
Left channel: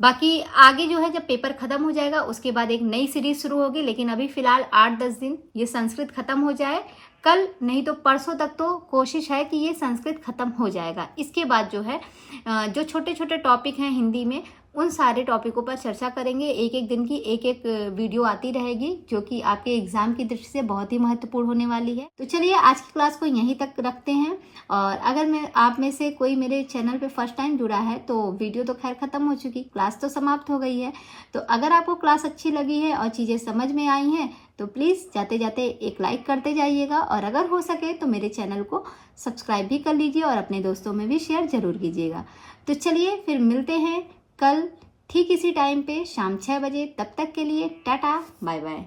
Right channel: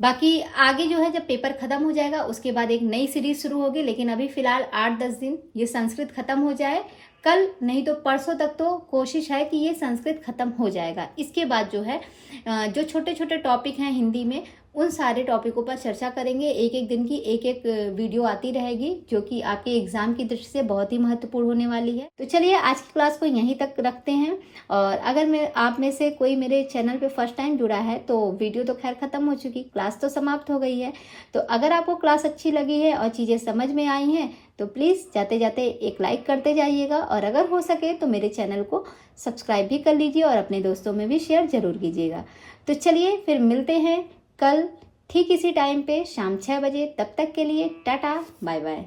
बाकी आगे जो है जब पेपर खत्म हो जाएगा उसके बाद एक नई सीरीज शुरू होगी, लेकिन अभी फिलहाल 8-10 दिन ये संस्कृत खत्म हो जाए, कल नहीं तो परसों तक तो कोशिश है कि ये संस्कृत खत्म हो जाएगा। इसके बाद जो है जो छोटे छोटे टॉपिक हैं हिंदी में उन सारे टॉपिकों पर चर्चा करेंगे। एक एक दिन की एक एक वीडियो आती रहेगी जो कि आपके एग्जाम की दृष्टि से बहुत ही महत्वपूर्ण होने वाली है। तो चलिए आज की क्लास को यहीं तक रखते हैं। और अगर आप में से कोई मेरे चैनल पे फर्स्ट टाइम जुड़ा है तो वीडियो तो खैर ख़त्म हो चुकी, क्लास तो समाप्त हो गई है। तो अगर आपको क्लास अच्छी लगी है और चीज़ें समझ में आई हैं तो प्लीज़ जाते जाते एक लाइक करते जाइएगा, और अगर हो सके तो मेरे चैनल को सब्सक्राइब भी कर लीजिए और अपने दोस्तों में भी शेयर ज़रूर कीजिएगा। तो चलिए फिर मिलते हैं कल ठीक इसी टाइम पे शाम 6 बजे। तब तक के लिए टाटा बाय बाय।